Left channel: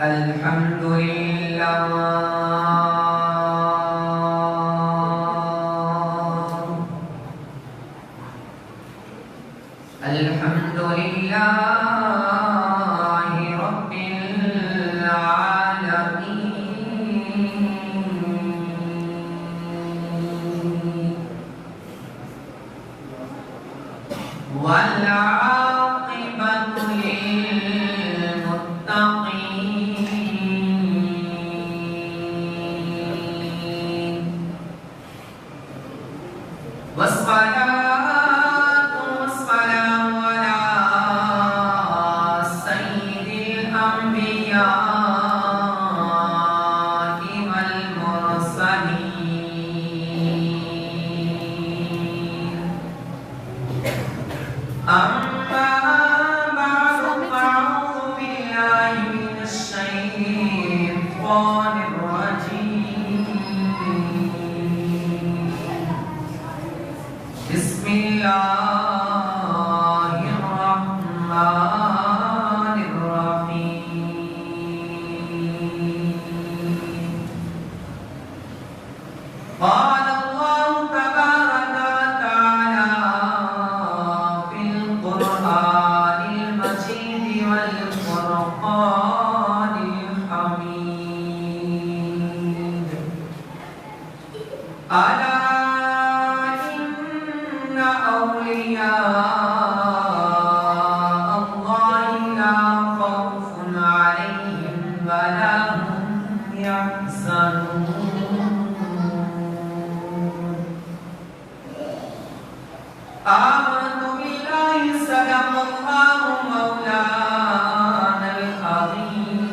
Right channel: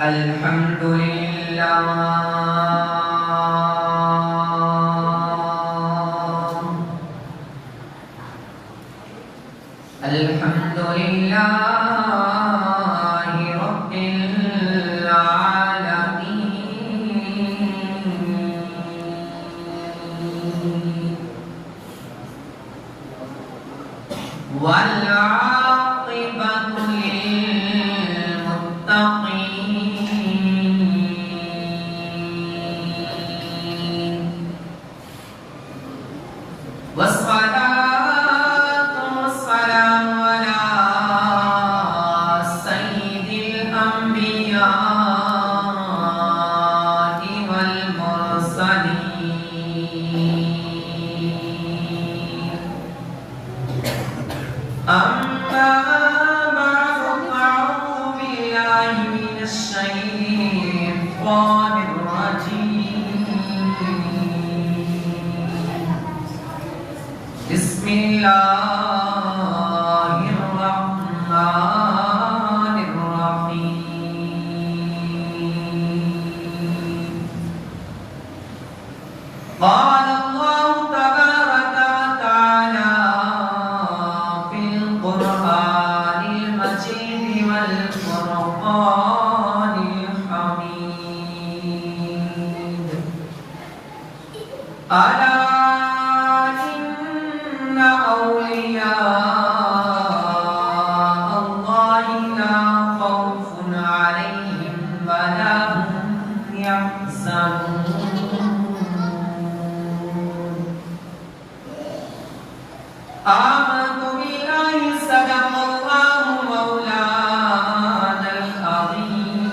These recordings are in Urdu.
الحمد لله الحمد لله رب العالمين والعاقبة للمتقين والصلاة والسلام على سيد الأنبياء والمرسلين أما بعد فأعوذ بالله من الشيطان الرجيم بسم الله الرحمن الرحيم قال الله تبارك وتعالى في القرآن المجيد والفرقان الحميد ألا إن أولياء الله لا خوف عليهم ولا هم يحزنون آمنت بالله صدق الله مولانا العظيم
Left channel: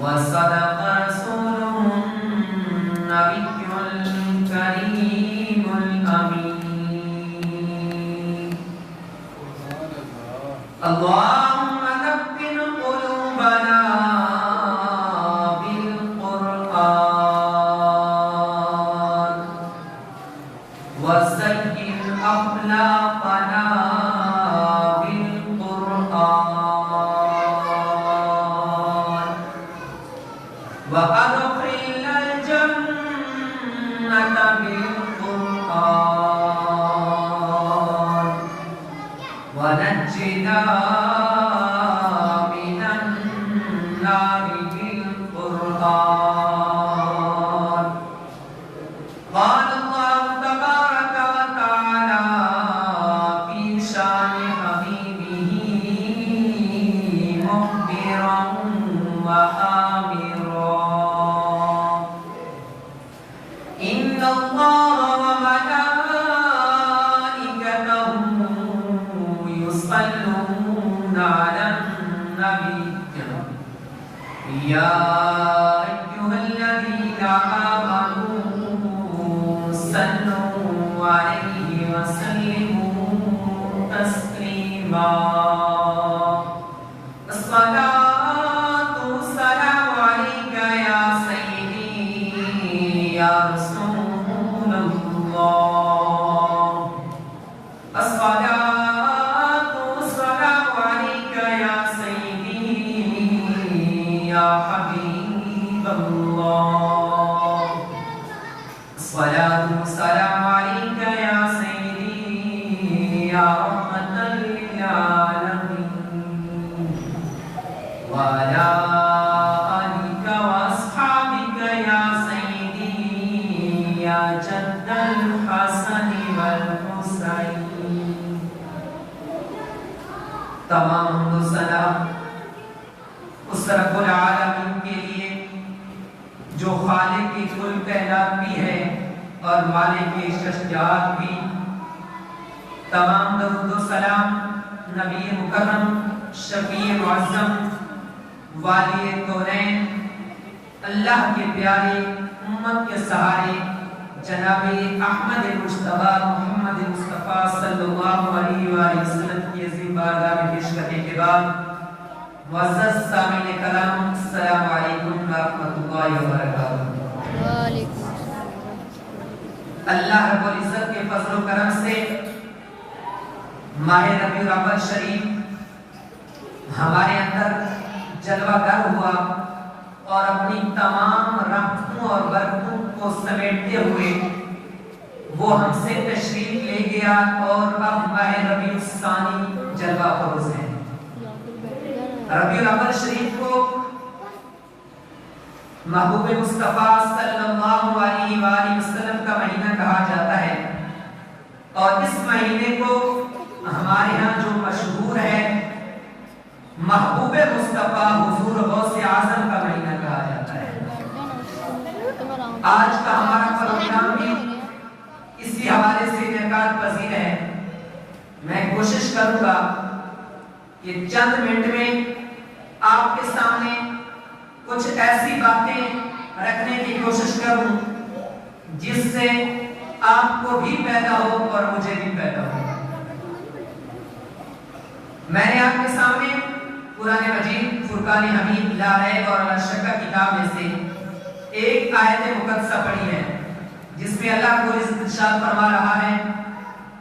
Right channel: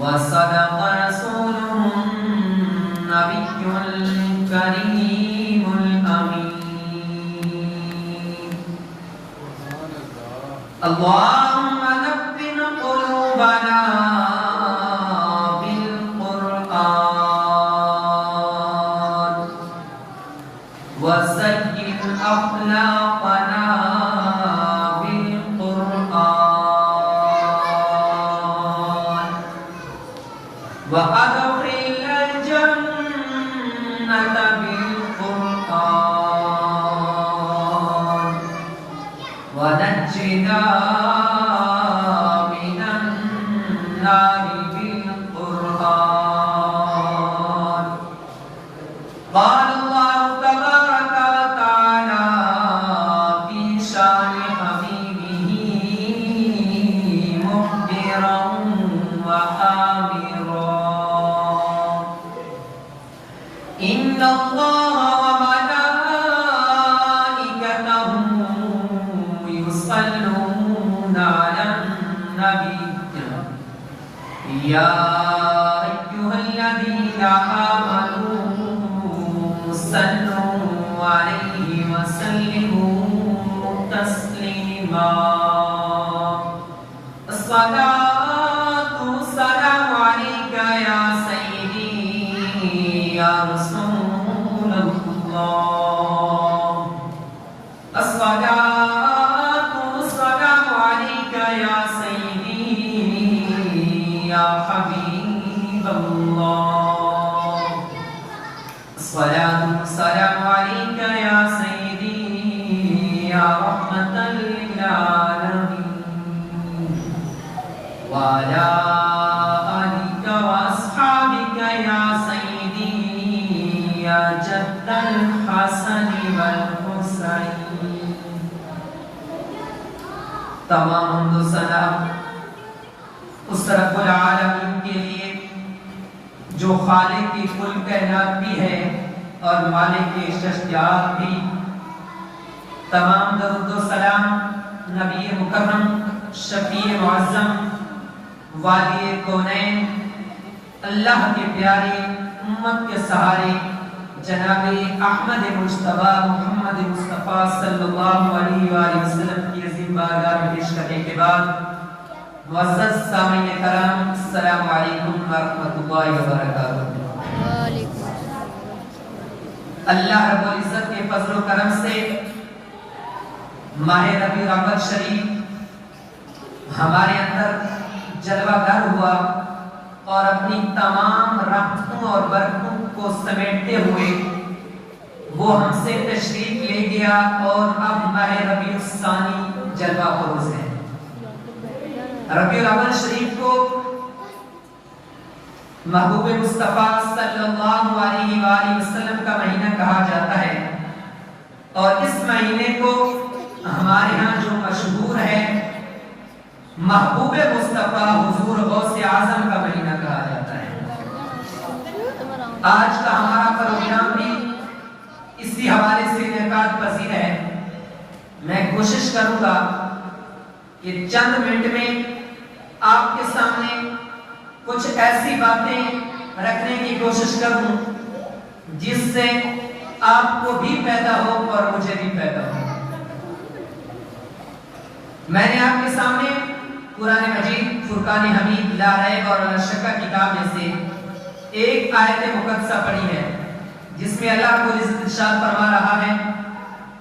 وصدق رسوله النبي الكريم الأمين اللهم نبّن قلوبنا بالقرآن وزين أخلاقنا بالقرآن وأدخلنا الجنة بالقرآن ونجنا من النار بالقرآن قال الله تبارك وتعالى في شان حبيبه مخبرا وآمرا إن الله وملائكته يصلون على النبي يا أيها الذين آمنوا صلوا عليه وسلموا تسليما الصلاة والسلام عليك يا سيدي يا رسول الله الصلاة والسلام عليك يا سيدي يا حبيب الله الصلاة والسلام عليك يا سيدي يا رحمة للعالمين وعلى آلك وأصحابك يا سيدي يا جد الحسن والحسين تمام حمد و ثنا اس رب العالمین کے لیے جو خالق کی کل کائنات بھی ہے اور مالک اشتیاق بھی تمام درود و سلام نبی مکرم شفیع معظم والی کونین اللہ کے پیارے امت کے سہارے جناب احمد مجتبی محمد مصطفیٰ صلی اللہ علیہ وآلہ وسلم کی عظیم بارگاہ میں پیش کرنے کے بعد معزز سامعین کرام السلام علیکم ورحمۃ اللہ وبرکاتہ اللہ رب العزت کے فضل و کرم سے ماہ ربیع الاول شریف ہمارے اندر جلوہ گر ہوا اور اپنی تمام رحمتوں اور برکتوں کو سمیٹتے ہوئے وہ ہم سے تشریف لے گیا اور اب ماہ ربیع الثانی جلوہ فروز ہے۔ ربیع الاول شریف کو محبوب مصطفیٰ صلی اللہ علیہ وآلہ وسلم کا مہینہ کہا جاتا ہے، اور اس مہینے کو ہمارے ہاں جو مشہور ہے محبوب مصطفیٰ حضور غوث اعظم کا مہینہ کہا جاتا ہے۔ آج کا ہمارا پروگرام بھی اسی حوالے سے انعقاد پذیر ہے۔ میں کوشش کروں گا کہ چند منٹ میں آپ کے سامنے کچھ ایسی باتیں رکھنے کی کوشش کروں جس سے آپ کو بھی پیدا ہو اور مجھے بھی پیدا ہو۔ میں نے آپ کے سامنے قرآن مجید فرقان حمید لا ریب اور لا شک کتاب میں سے ایک آیت مقدسہ پڑھی ہے جس میں اللہ رب العزت ارشاد فرما رہا ہے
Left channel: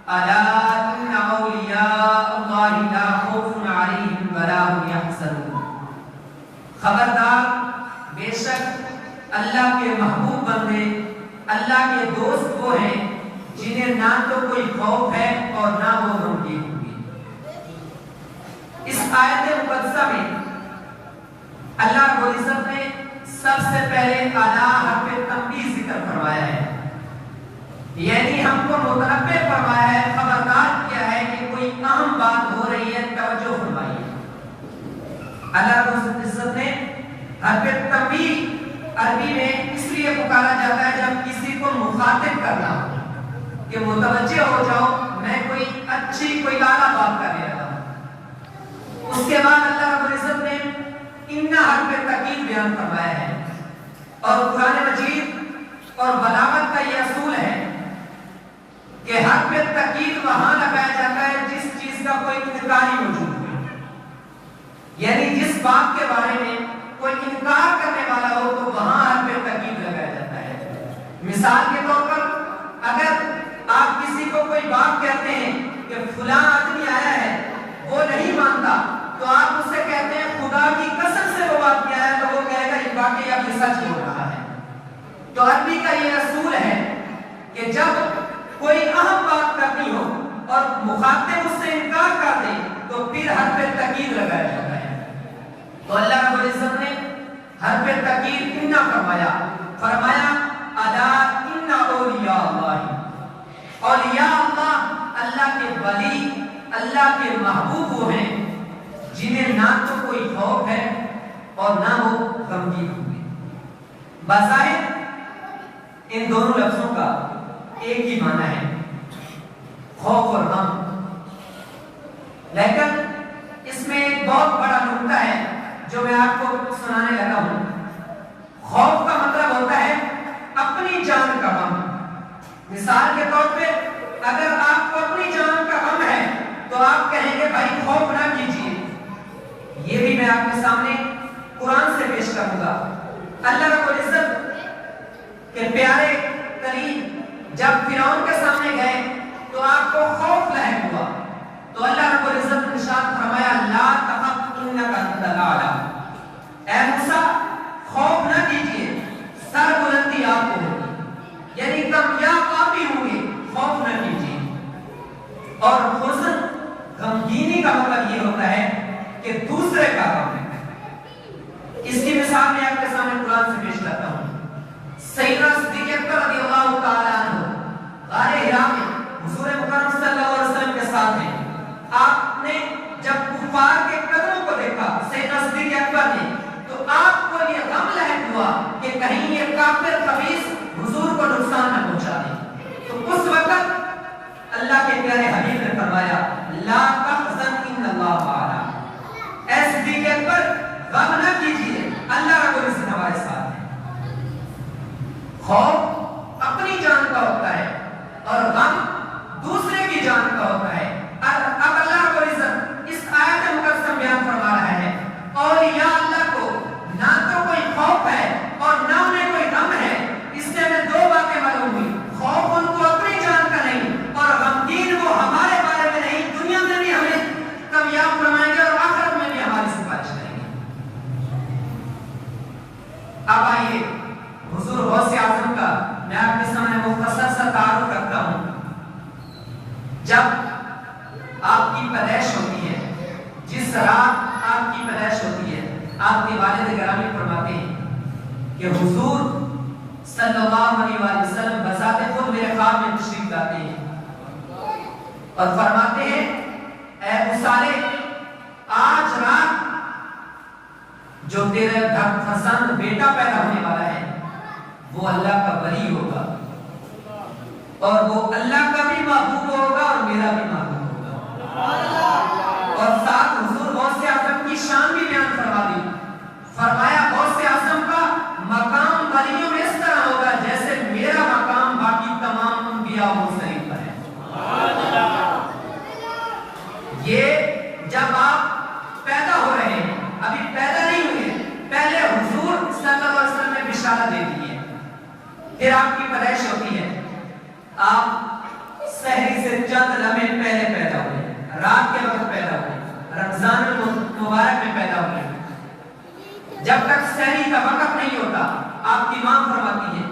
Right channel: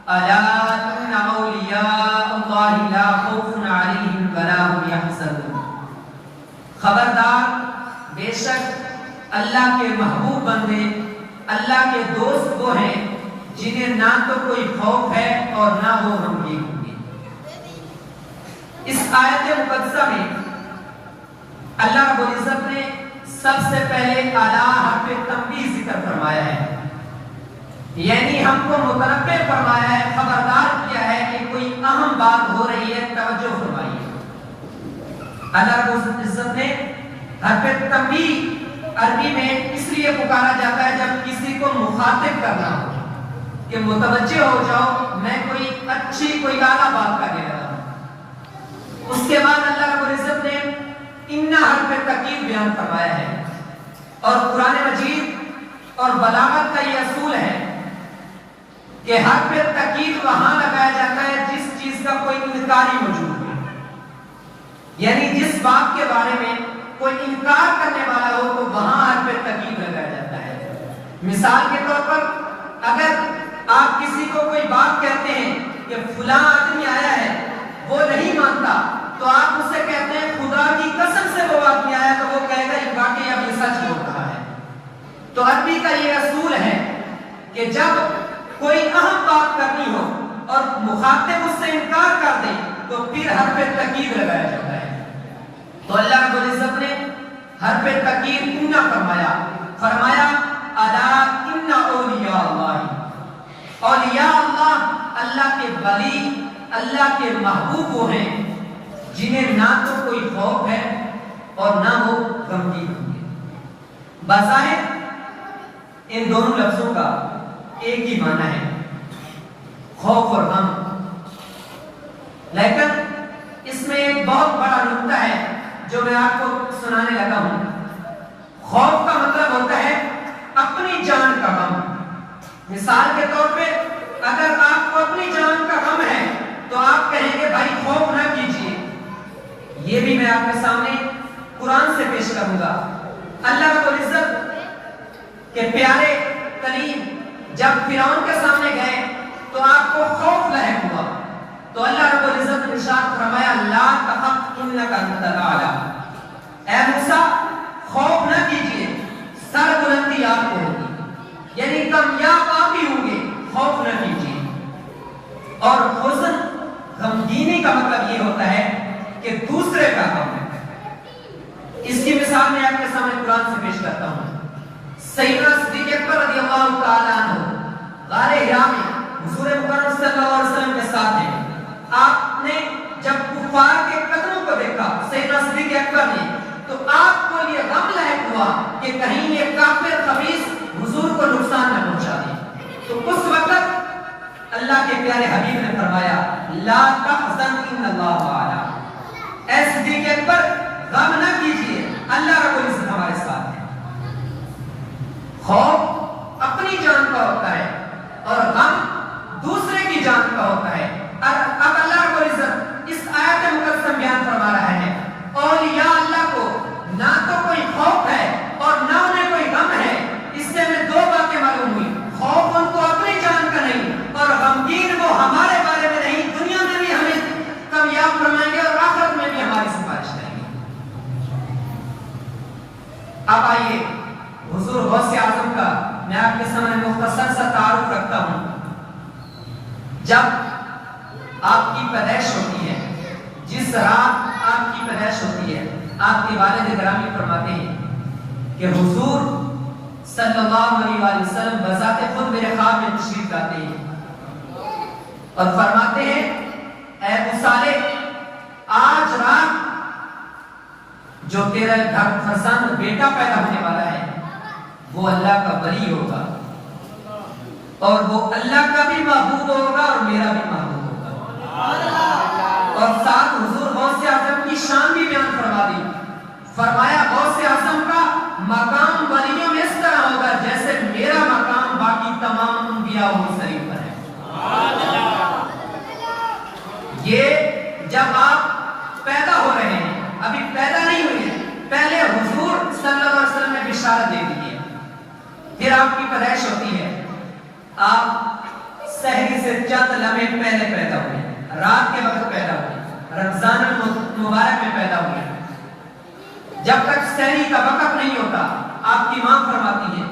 الا ان اولیاء اللہ لا خوف علیہم ولا هم یحزنون، خبردار بے شک اللہ کے محبوب بندے، اللہ کے دوست وہ ہیں جنہیں نہ تو کوئی خوف ہے اور نہ وہ غمگین ہوں گے۔ اس آیت مقدسہ میں اللہ رب العزت نے سب سے پہلے اعلیٰ حرف تنبیہ ذکر فرمایا ہے، یعنی ہم کو متنبہ فرمایا ہے، خبردار کیا ہے کہ کوئی اہم بات ہو رہی ہے، توجہ فرمائیے۔ اللہ رب العزت نے حرف تنبیہ عربی میں اس لیے پکارا جاتا ہے جب کسی کو مخاطب کرنا ہو کہ متوجہ ہو جاؤ، میں کوئی اچھی کوئی اعلیٰ بات کرنے لگا ہوں۔ اس کے بعد اللہ رب العزت نے ان حرف تاکید بیان فرمایا ہے، اور قرآن مجید اور بلاغت کا یہ اصول ہے کہ حرف تاکید وہاں لگایا جاتا ہے جس چیز کا کوئی انکاری موجود ہے، یعنی جس بات کے بارے میں کوئی انکار کرنے والا ہو تو وہاں حرف تاکید لگایا جاتا ہے۔ مثال کے طور پر اگر آپ کسی کو کوئی بات کہتے ہیں کہ فلاں آدمی آیا ہے وہ نہیں مانتا تو آپ اسے کہتے ہیں خدا کی قسم سے وہ بات کیا ہے، تو وہ کہے گا یہ واقعی اب یہ سچ ہو رہا ہے۔ تو عربی کا یہ اصول ہے کہ جب کوئی اہم بات کرنی ہو اور مخاطب اس سے انکار کر دے تو پھر حرف تاکید لگایا جاتا ہے۔ تو اللہ رب العزت نے حرف تاکید ان فرمایا الا ان اولیاء اللہ، اولیاء اللہ، اللہ کے ولی، اللہ کے محبوب وہ ہیں جنہیں نہ تو کوئی خوف ہے اور نہ وہ غمگین ہوں گے۔ بظاہر ان دونوں لفظوں کا ایک ہی معنی ہے، خوف اور غم، لیکن اس میں ایک بہت بڑا نقطہ ہے جو میں آپ کو سنانے لگا ہوں۔ خوف کا مطلب ہوتا ہے اپنی جان کا غم۔ مثال کے طور پہ اگر آپ کو اپنی جان کا غم ہے تو آپ کہیں گے بھائی خوف نہ کیجیے۔ یہ بھی میں آپ کے سامنے قرآن سے پیش کروں گا۔ اللہ رب العزت کے پیارے کریم جب فرعون کے سامنے گئے تو آپ کو خوف لاحق ہوا، تو اللہ رب العزت نے ارشاد فرمایا لا تخف انک انت الاعلی، اے موسیٰ خوف نہ کیجیے، سر بلندی آپ کو ہوگی، یعنی کامیاب آپ ہی ہوں گے، خوف نہ کیجیے۔ اور حزن، غمگینی کا مطلب یہ ہوتا ہے کہ دوسرے کا غم ہے۔ اس کی مثال میں آپ کے سامنے قرآن سے پیش کرتا ہوں۔ سیدنا صدیق اکبر رضی اللہ تعالیٰ عنہ غار حرا میں حضور مکرم صلی اللہ علیہ وسلم کے ساتھ ہیں۔ آپ نے جب کفار کے قدموں کو دیکھا سیدنا صدیق اکبر نے، تو آپ کو یہ غم لاحق ہوا کہ کہیں یہ کافر خبیث حضور کو نقصان نہ پہنچا دے۔ تو اس وقت اللہ کے پیارے حبیب نے فرمایا لا تحزن ان اللہ معنا، اے صدیق اکبر غم نہ کیجیے، اللہ رب العزت ہمارے ساتھ ہے۔ خوف اپنی جان کا ہوتا ہے اور غم دوسرے کی جان کا ہوتا ہے۔ اب اللہ رب العزت اس آیت مقدسہ میں بیان فرما رہا ہے اولیاء اللہ کو نہ تو کوئی خوف ہے اور نہ انہیں کوئی غم ہے۔ اس سے ہمیں دو باتیں معلوم ہوئی، خوف ان کو اپنی جان کا نہیں اور غمگین وہ ہمارے بارے میں نہیں، دنیا میں بھی ہمیں کامیاب فرمائیں گے اور آخرت میں بھی ہماری آئیے حضور غوث اعظم کا میں آپ کے سامنے مختصر سا تعارف کرتا ہوں۔ جب آپ کی پیدائش ہوتی ہے، جس رات آپ کی پیدائش ہوتی ہے، آپ کے والد گرامی فرماتے ہیں کہ حضور صلی اللہ علیہ وسلم بذات خود میرے خواب میں تشریف لاتے ہیں اور فرماتے ہیں اے اسارے، آج رات جو تیرے گھر فرزند بیٹا پیدا ہونے والا ہے وہ اللہ کا ولی ہوگا اور وہ اللہ کا بھی محبوب ہوگا اور میرا بھی محبوب ہوگا۔ اور ساتھ حضور غوث اعظم کی شان بھی بیان فرما دی، فرمایا غوث اعظم کا مقام ولیوں میں اس طرح ہوگا جیسے میرا مقام باقی تمام انبیاء و مرسلین پر ہے۔ یہ جب آپ پیدا ہو رہے ہیں، ابھی پیدا نہیں ہوئے، پہلے حضور صلی اللہ علیہ وسلم نے بشارت دے دی ہے، پھر آپ کی پیدائش ہوتی ہے، آپ سحری سے چند لمحے پہلے پیدا ہوئے، رات کے وقت پیدا ہوئے، رمضان المبارک میں پیدا ہوئے۔ جب تک سحری کا وقت نہیں ہوتا، آپ کی ماں فرماتی ہے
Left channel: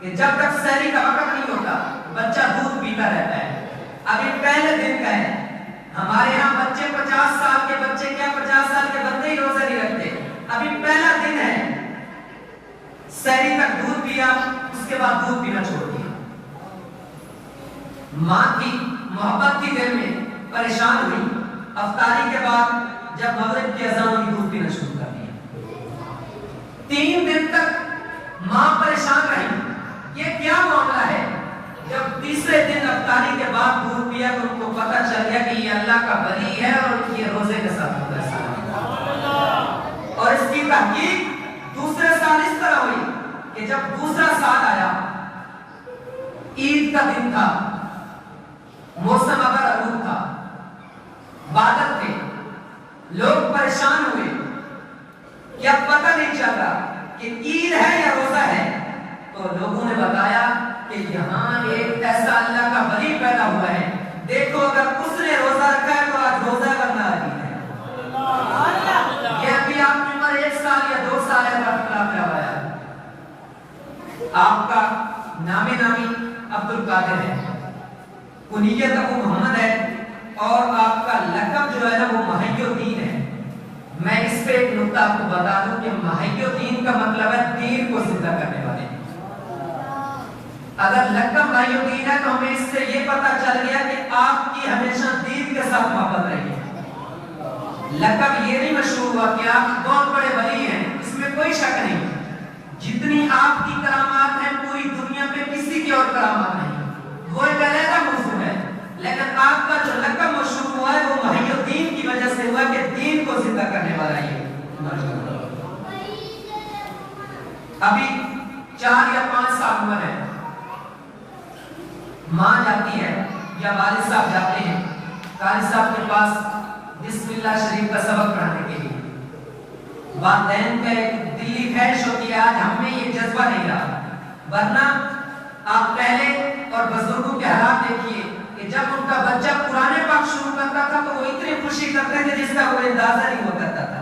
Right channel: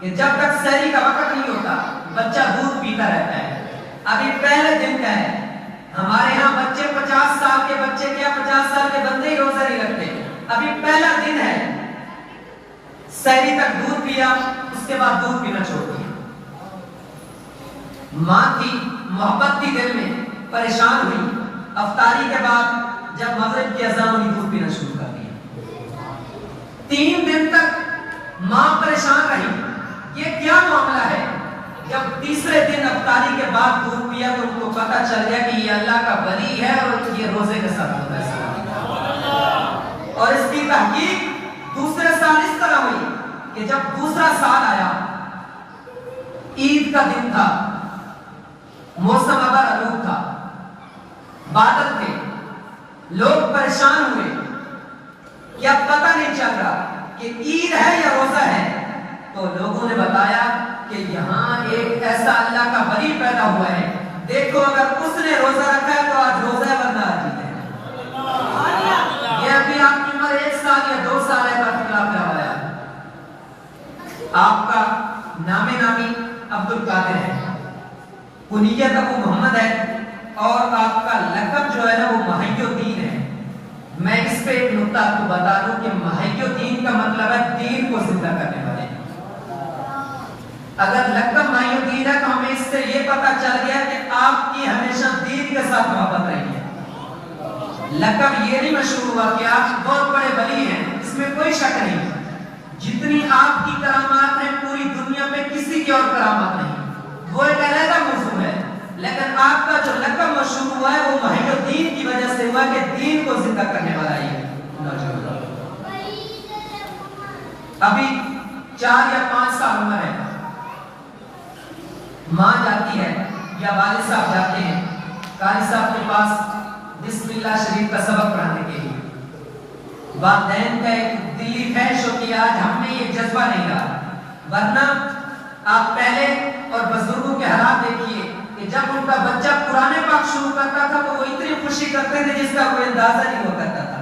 کہ جب تک سحری کا وقت نہیں ہوتا بچہ دودھ پیتا رہتا ہے۔ ابھی پہلے دن کا ہے، ہمارے یہاں بچے 50 سال کے بچے کیا 50 سال کے بندے ہی روزہ نہیں رکھتے، ابھی پہلا دن ہے، سحری تک دودھ پیا، اس کے بعد دودھ پینا چھوڑ دیا۔ ماں کی محبت تھی دل میں، پریشان ہوئی، افطاری کے بعد جب مغرب کی اذان ہوئی دودھ پینا شروع کر دیا۔ 3 دن تک ماں پریشان رہی، یہ کیا معاملہ ہے؟ جب تیسرے دن افطاری کے بعد دودھ پیا تو ان کو پتہ چل گیا کہ یہ اللہ کا ولی ہے اور یہ روزے کے ساتھ ہوتا ہے۔ اور اس کی تحقیق دوسرے سال اس طرح ہوئی کہ جب دوسرا سال آیا، عید کا دن تھا، موسم ابر آلود تھا، بادل تھے، لوگ پریشان ہوئے کہ اب پتہ نہیں چل رہا کہ عید ہے یا روزہ ہے، تو لوگوں نے بتایا کہ یہاں ایک ایسا اللہ کا ولی پیدا ہوا ہے، دیکھو اگر اس نے روزہ رکھا ہے تو آج روزہ ہے ورنہ آج عید ہے۔ یہ ابھی آپ کی عمر 1 سال یا 2 سال ہے، اختلاف کیا ہوا ہے؟ آپ کا نامی عبد القادر ہے، کنیت ابو محمد ہے، اور آپ کا لقب جو ہے نا وہ محی الدین ہے۔ میں اس پہ ایک نقطہ آپ کو بتا دوں کہ محی الدین کا مطلب ہے دین کو زندہ کرنے والے۔ اگر لقب محی الدین ہے تو ہمیں اس سے یہ پتہ چل گیا کہ آپ کی ہمیشہ دین کے ساتھ محبت رہی ہے۔ لقب یہ نہیں مشہور ہوا کہ آپ بہت بڑے ولی ہیں، اس میں کوئی شک نہیں، جتنی آپ کی کرامات ہیں پوری دنیا میں کسی کی اور کرامات نہیں، وہ ایک علیحدہ موضوع ہے، لیکن آپ کا جو لقب مشہور ہوا ہے وہ محی الدین کی وجہ سے ہوا کہ دین کو زندہ کرنے والا ہے۔ ابھی 4 یا 5 سال عمر ہے، ماں جاتی ہے یا والد صاحب جاتے ہیں قاری صاحب کے پاس بسم اللہ شریف کا سبق پڑھانے کے لیے۔ والدین کا ایک دلی خواہش ہوتی ہے آج ہم میں یہ جذبہ نہیں رہا، ورنہ آپ پہلے اور بزرگوں کے حالات دیکھیے کہ جب ان کا بچہ قرآن پاک شروع کرتا تھا تو وہ اتنی خوشی کرتے تھے جس کا کوئی اندازہ نہیں ہوا کرتا تھا۔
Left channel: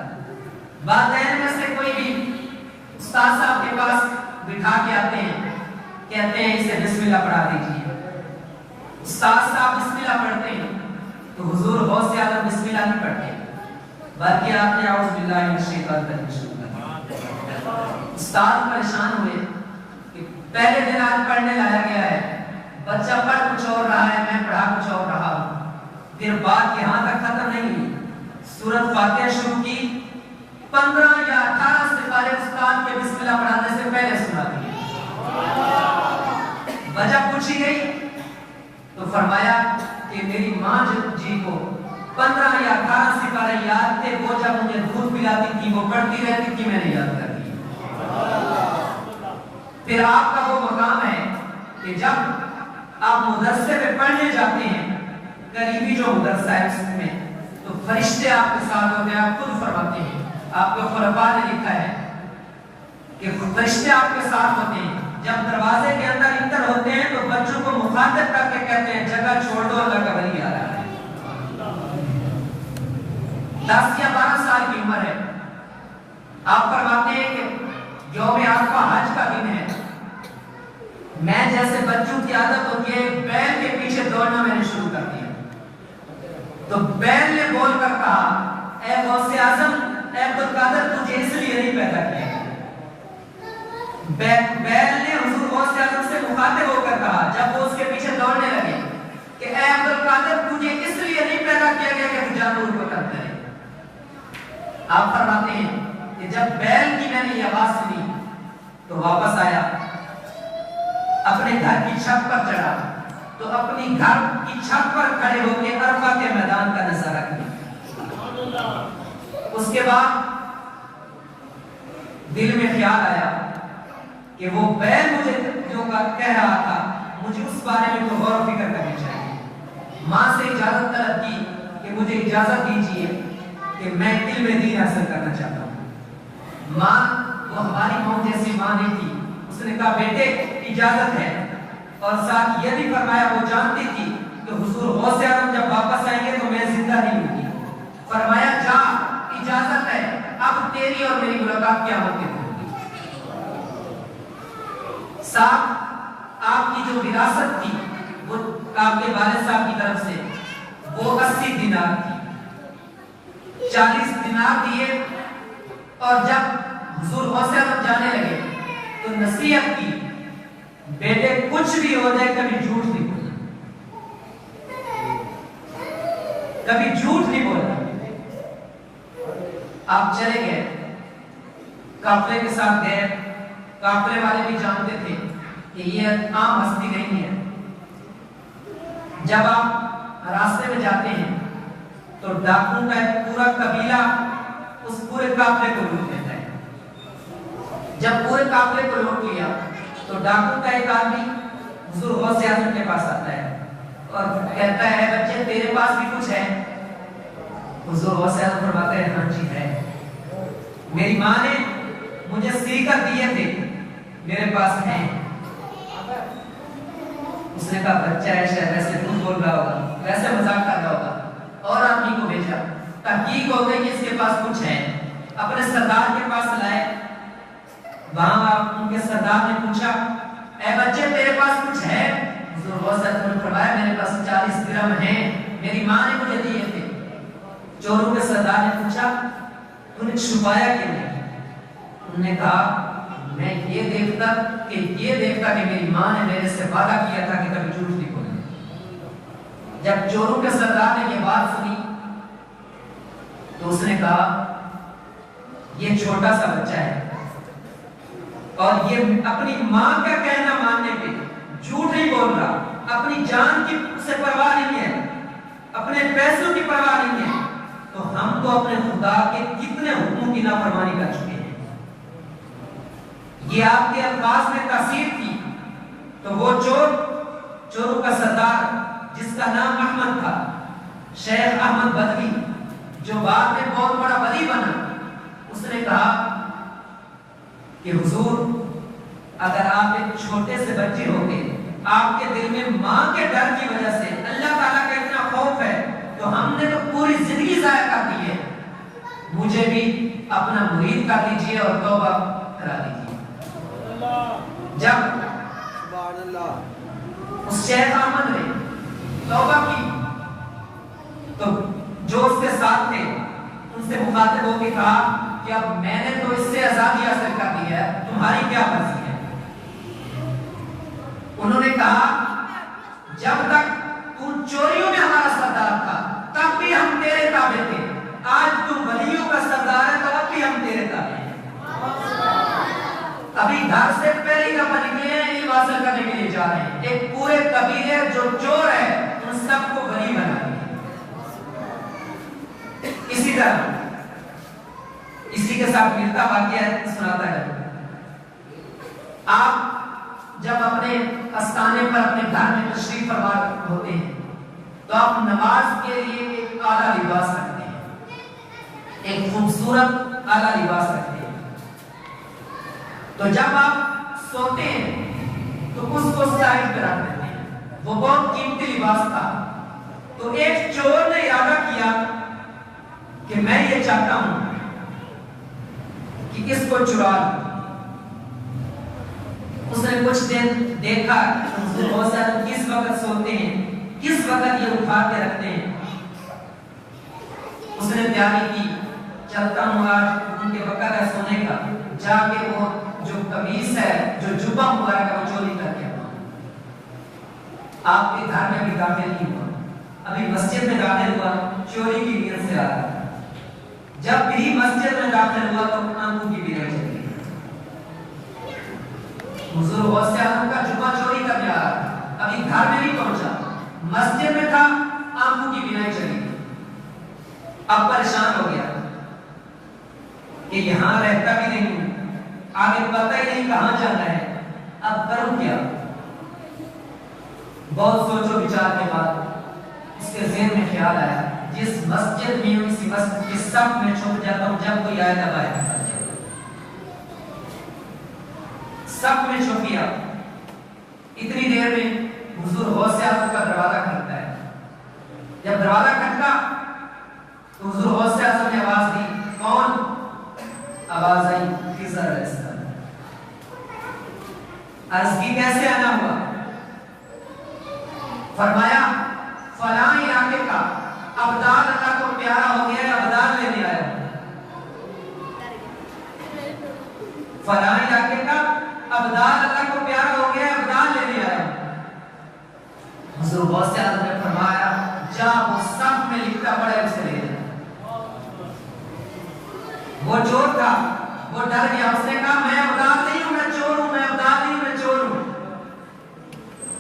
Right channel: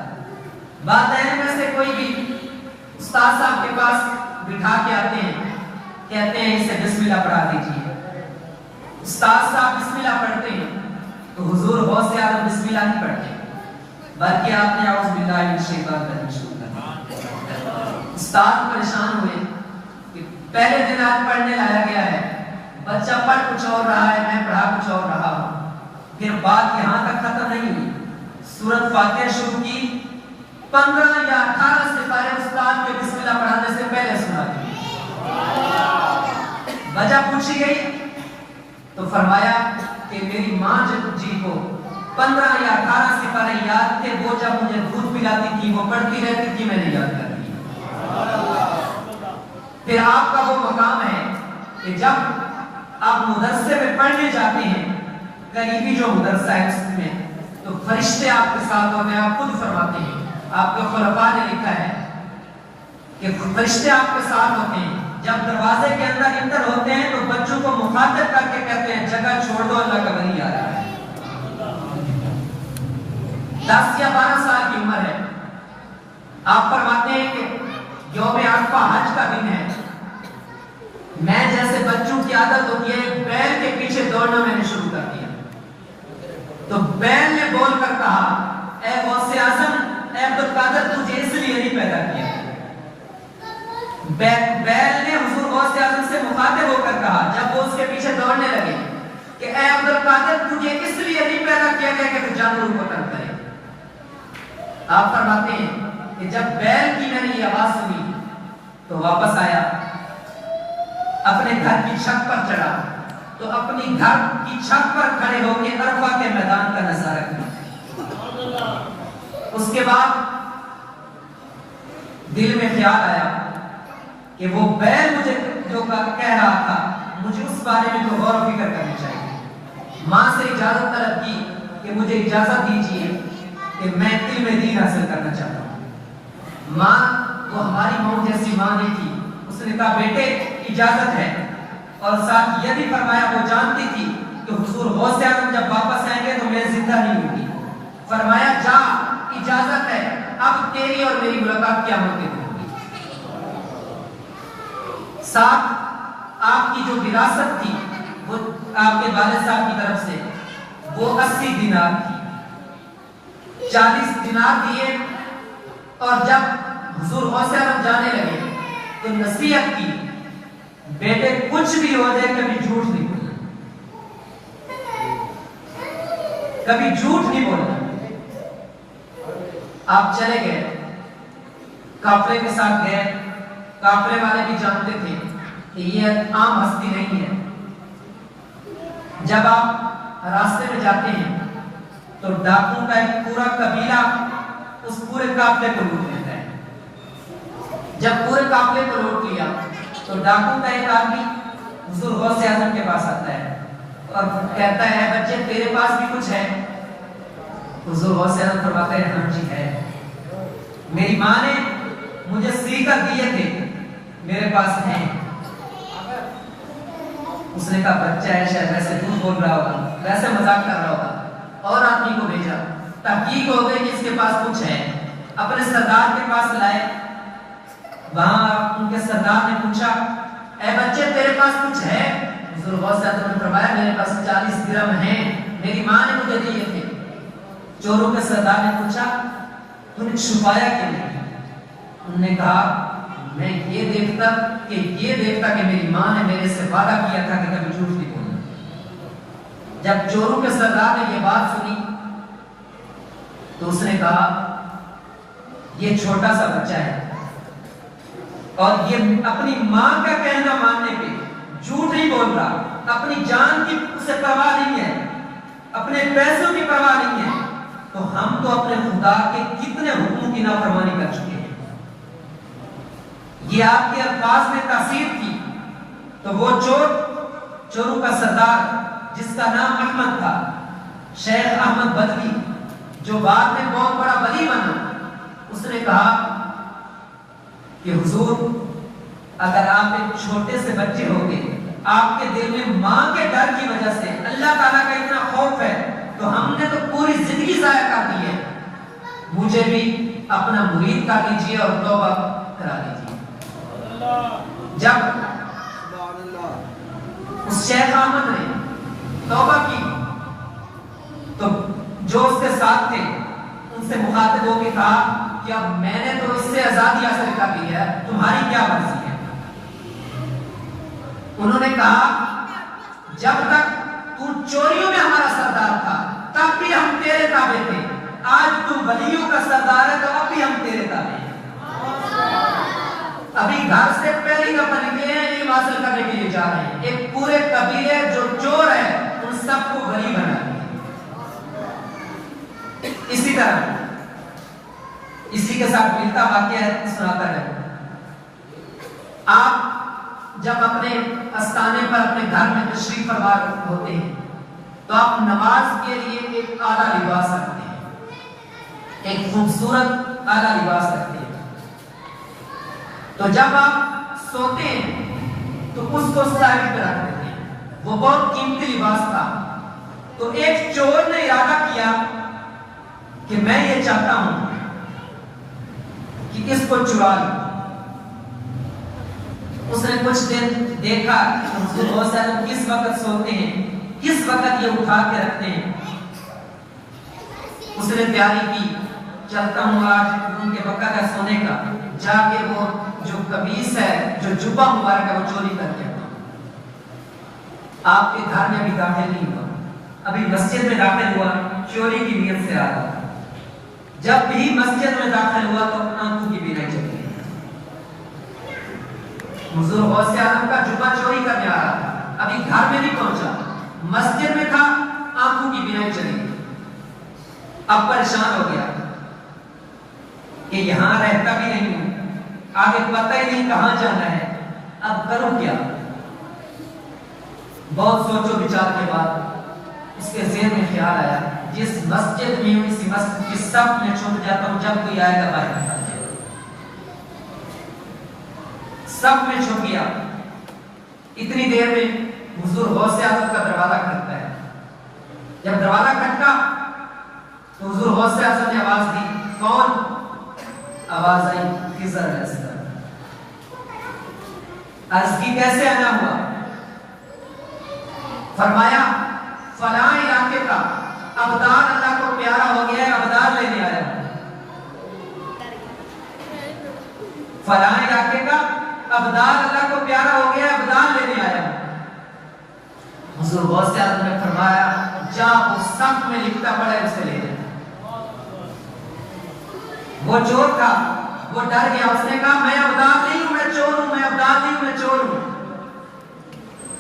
والدین میں سے کوئی بھی استاد صاحب کے پاس بٹھا کے آتے ہیں، کہتے ہیں اسے بسم اللہ پڑھا دیجیے، استاد صاحب بسم اللہ پڑھتے ہیں تو حضور غوث اعظم بسم اللہ نہیں پڑھتے بلکہ آپ نے اعوذ باللہ من الشیطان الرجیم شروع کر دیا۔ استاد پریشان ہوئے کہ پہلے دن آج پڑھنے لایا گیا ہے، بچہ پڑھ کچھ اور رہا ہے، میں پڑھا کچھ اور رہا ہوں۔ پھر بات یہاں تک ختم نہیں ہوئی، سورۃ فاتحہ شروع کی، 15 یا 18 سپارے استاد کے بسم اللہ پڑھانے سے پہلے سنا دی۔ وجہ پوچھی گئی تو فرمایا کہ میری ماں جی کو 15 یا 18 سپارے یاد تھے، وہ جب مجھے دودھ پلاتی تھی وہ پڑھتی رہتی تھی، میں نے یاد کر لیا۔ پھر آپ کا وہ مقام ہے کہ جب آپ مدرسے میں پڑھنے جاتے ہیں، قریبی جو مدرسہ ہے اس میں، تو فرشتے آپ کے ساتھ ہوتے ہیں، آپ خود فرماتے ہیں، آپ کے خلفاء نے لکھا ہے کہ فرشتے آپ کے ساتھ ہوتے ہیں، جب دروازے کے اندر انٹر ہوتے ہیں تو بچوں کو مخاطب کر کے کہتے ہیں جگہ چھوڑ دو، اللہ کا ولی آ رہا ہے۔ 10 یا 12 سال کی عمر ہے، آپ فرماتے ہیں کہ یوم عرفہ عادت ہوتی ہے بیل کے پیچھے دوڑنا میں نے شروع کر دیا. تو بیل نے بول کر کہا اے غوث اعظم اے عبد القادر تجھے اس لیے نہیں پیدا کیا. بیل نے حضور غوث اعظم سے مخاطب ہو کر کہا جب وہ اس کے پیچھے دوڑنے لگے کہ اے عبد القادر تجھے اس لیے نہیں پیدا کیا گیا کہ تو جانوروں کو قتل کرے. آپ فرماتے ہیں کہ جب بیل کی میں نے یہ آواز سنی تو واپس آیا, اپنے گھر کی چھت پر چڑھا تو اپنی گھر کی چھت پر کھڑے ہو کے عرفہ کے میدان کا نظارہ کیا. اس کے بعد دل میں خیال آیا کہ وہ بیل مجھے جو کہہ رہا تھا مجھے اس بارے میں تو غور و فکر کرنی چاہیے. ماں سے اجازت طلب کی کہ مجھے اجازت دیجیے کہ میں علم دین حاصل کرنا چاہتا ہوں. ماں وہ ہماری ماں جیسی ماں نہیں تھی. اس نے کہا بیٹے اجازت ہے, اور ساتھ یہ بھی فرمایا وہ جانتی تھی کہ حضور غوث اعظم جب واپس آئیں گے تو میں زندہ نہیں ہوں گی. فرمایا جا اجازت ہے, اب تیری اور میری ملاقات قیامت کے دن ہوگی. ساتھ آپ کی جو وراثت تھی وہ آپ کے والد صاحب کی طرف سے وہ 80 دینار تھی. 40 دینار دیے, اور جب حضور غوث اعظم جانے لگے تو نصیحت کی بیٹے کچھ بھی ہو جائے کبھی جھوٹ نہیں بولنا, کبھی جھوٹ نہیں بولنا. آپ چلے گئے, قافلے کے ساتھ گئے. قافلے والے بھی جانتے تھے کہ یہ عام ہستی نہیں ہے. جب آپ راستے میں جاتے ہیں تو ڈاکوں کا ایک پورا قبیلہ اس پورے قافلے کو لوٹ لیتا ہے. جب پورے قافلے کو لوٹ لیا تو ڈاکوں کا ایک آدمی حضور غوث اعظم کے پاس آتا ہے اور کہتا ہے بچے تیرے پاس بھی کچھ ہے؟ حضور غوث اعظم فرماتے ہیں ہاں جی ہے, میری ماں نے مجھے سی کر دیے تھے, میرے پاس ہیں. اس نے کہا بچہ ہے شاید ویسے جھوٹ بول رہا ہوگا, ویسے مذاق کر رہا ہوگا. اور آدمی کو بھیجا, تحقیق ہو گئی کہ اس کے پاس کچھ ہے. اپنے سردار کے پاس لائے, وہاں ان کے سردار نے پوچھا اے بچے تیرے پاس کچھ ہے؟ حضور غوث اعظم نے فرمایا میرے پاس 40 درہم ہیں, میری ماں نے مجھے دیے تھے. چوروں کے سردار نے پوچھا تو نے چھپایا کیوں نہیں؟ انہوں نے کہا میں یہ دیکھتا کہ میری ماں نے میرے سے وعدہ کیا تھا کہ کبھی جھوٹ نہیں بولوں. جب چوروں کے سردار نے یہ بات سنی تو اس نے کہا یہ چھوٹا سا بچہ ہے اور یہ اپنی ماں کا کہنا ماننے پہ جھوٹ نہیں بول رہا, اپنی جان کی اسے پرواہ نہیں ہے, اپنے پیسوں کی پرواہ نہیں ہے. تو ہم تو اپنے خدا کے کتنے حکموں کی نافرمانی کر چکے ہیں. یہ آپ کے الفاظ میں تاثیر تھی. تو وہ چوروں کا سردار جس کا نام احمد تھا, شیخ احمد بدوی, جو بعد میں بہت بڑا ولی بنا, اس نے کہا کہ حضور اگر آپ ایک چھوٹے سے بچے ہوتے, آپ کے دل میں ماں کے ڈر کی وجہ سے اللہ تعالیٰ کا اتنا خوف ہے تو ہم نے تو پوری زندگی ضائع کر دی ہے, مجھے بھی اپنا مرید کر لیجئے اور توبہ کرا دیجئے. جب اس شیخ احمد نے توبہ کی تو جو اس کے ساتھ تھے ان سے مخاطب ہو کے کہا کہ اب میں نے تو اس سے آزادی حاصل کر لی ہے, تمہاری کیا مرضی ہے؟ انہوں نے کہا جب تک تو چوریوں میں ہمارا سردار تھا تب بھی ہم تیرے تابع تھے, آج تو ولیوں کا سردار ہے تو اب بھی ہم تیرے تابع ہیں. ابھی گھر سے پہلی دفعہ نکلے ہیں علم حاصل کرنے کے لیے جا رہے ہیں, ایک پورے قبیلے جو چور ہے ان سب کو ولی بنا دیا. اسی طرح اسی کے ساتھ ملتا واقعہ سناتا ہے. آپ جب اپنے استانے پر اپنے گھر میں تشریف فرما ہوتے ہیں تو آپ نماز کے لیے ایک اعلیٰ لباس رکھتے ہیں, ایک خوبصورت اعلیٰ لباس رکھتے ہیں. تو جب آپ سوتے ہیں تو اس کو سائڈ پہ رکھ دیتے ہیں, وہ بہت قیمتی لباس تھا. تو ایک چور نے ارادہ کیا کہ میں یہ چاہتا ہوں کہ اس کو چرا لوں. اس نے کچھ دن دیکھا حضور غوث اعظم کس وقت سوتے ہیں، کس وقت یہ اٹھا کے رکھتے ہیں. اس نے تیاری کی، چلتا ہوں آج ان کے وقت ہے سونے کا، جا کے وہ جو قمیص ہے، جو جبہ مبارک ہے وہ چوری کر کے. آپ کے گھر میں بھی داخل نہیں ہوا، ابھی مسجد میں داخل ہوا، چوری کی نیت سے آیا. جب بھی مسجد میں داخل ہوا تو آنکھوں کی بیرائی چلی. حضور غوث اعظم کا جبہ چوری کرنے آ رہا، ابھی گھر میں نہیں پہنچا، مسجد میں تھا، آنکھوں کی بینائی چلی. اب پریشان ہو گیا کہ یہاں رہتا بھی نہیں ہوں، آگے پتہ ہی نہیں کہاں جانا ہے، اب کروں کیا. بہت سوچو بچار کے بعد اس کے ذہن میں خیال آیا جس مسجد میں اسی مسجد کی صف میں چھپ جاتا ہوں، جب کوئی آئے گا باہر نکل جائے. صف میں چھپ گیا. اتنی دیر میں حضور غوث اعظم کا دروازہ کھٹکتا ہے. جب دروازہ کھٹکا تو حضور غوث اعظم نے آواز دی. کون؟ آواز آئی خضر علیہ السلام. عرض کی کیسے آنا ہوا؟ فرمایا فلاں علاقے کا ابدال اللہ کو پیارا ہو گیا ہے، ابدال لینے آیا ہوں. فلاں علاقے کا ابدال اللہ کو پیارا ہو گیا ہے، ابدال لینے آیا ہوں. حضور غوث اعظم نے فرمایا جا وہ صف میں لکھتا پڑا ہے اسے لے جا. وہ چور تھا، وہ ڈر گیا، اس نے کہا میں ابدال نہیں ہوں، میں چور ہوں، میں ابدال نہیں ہوں، میں چور ہوں.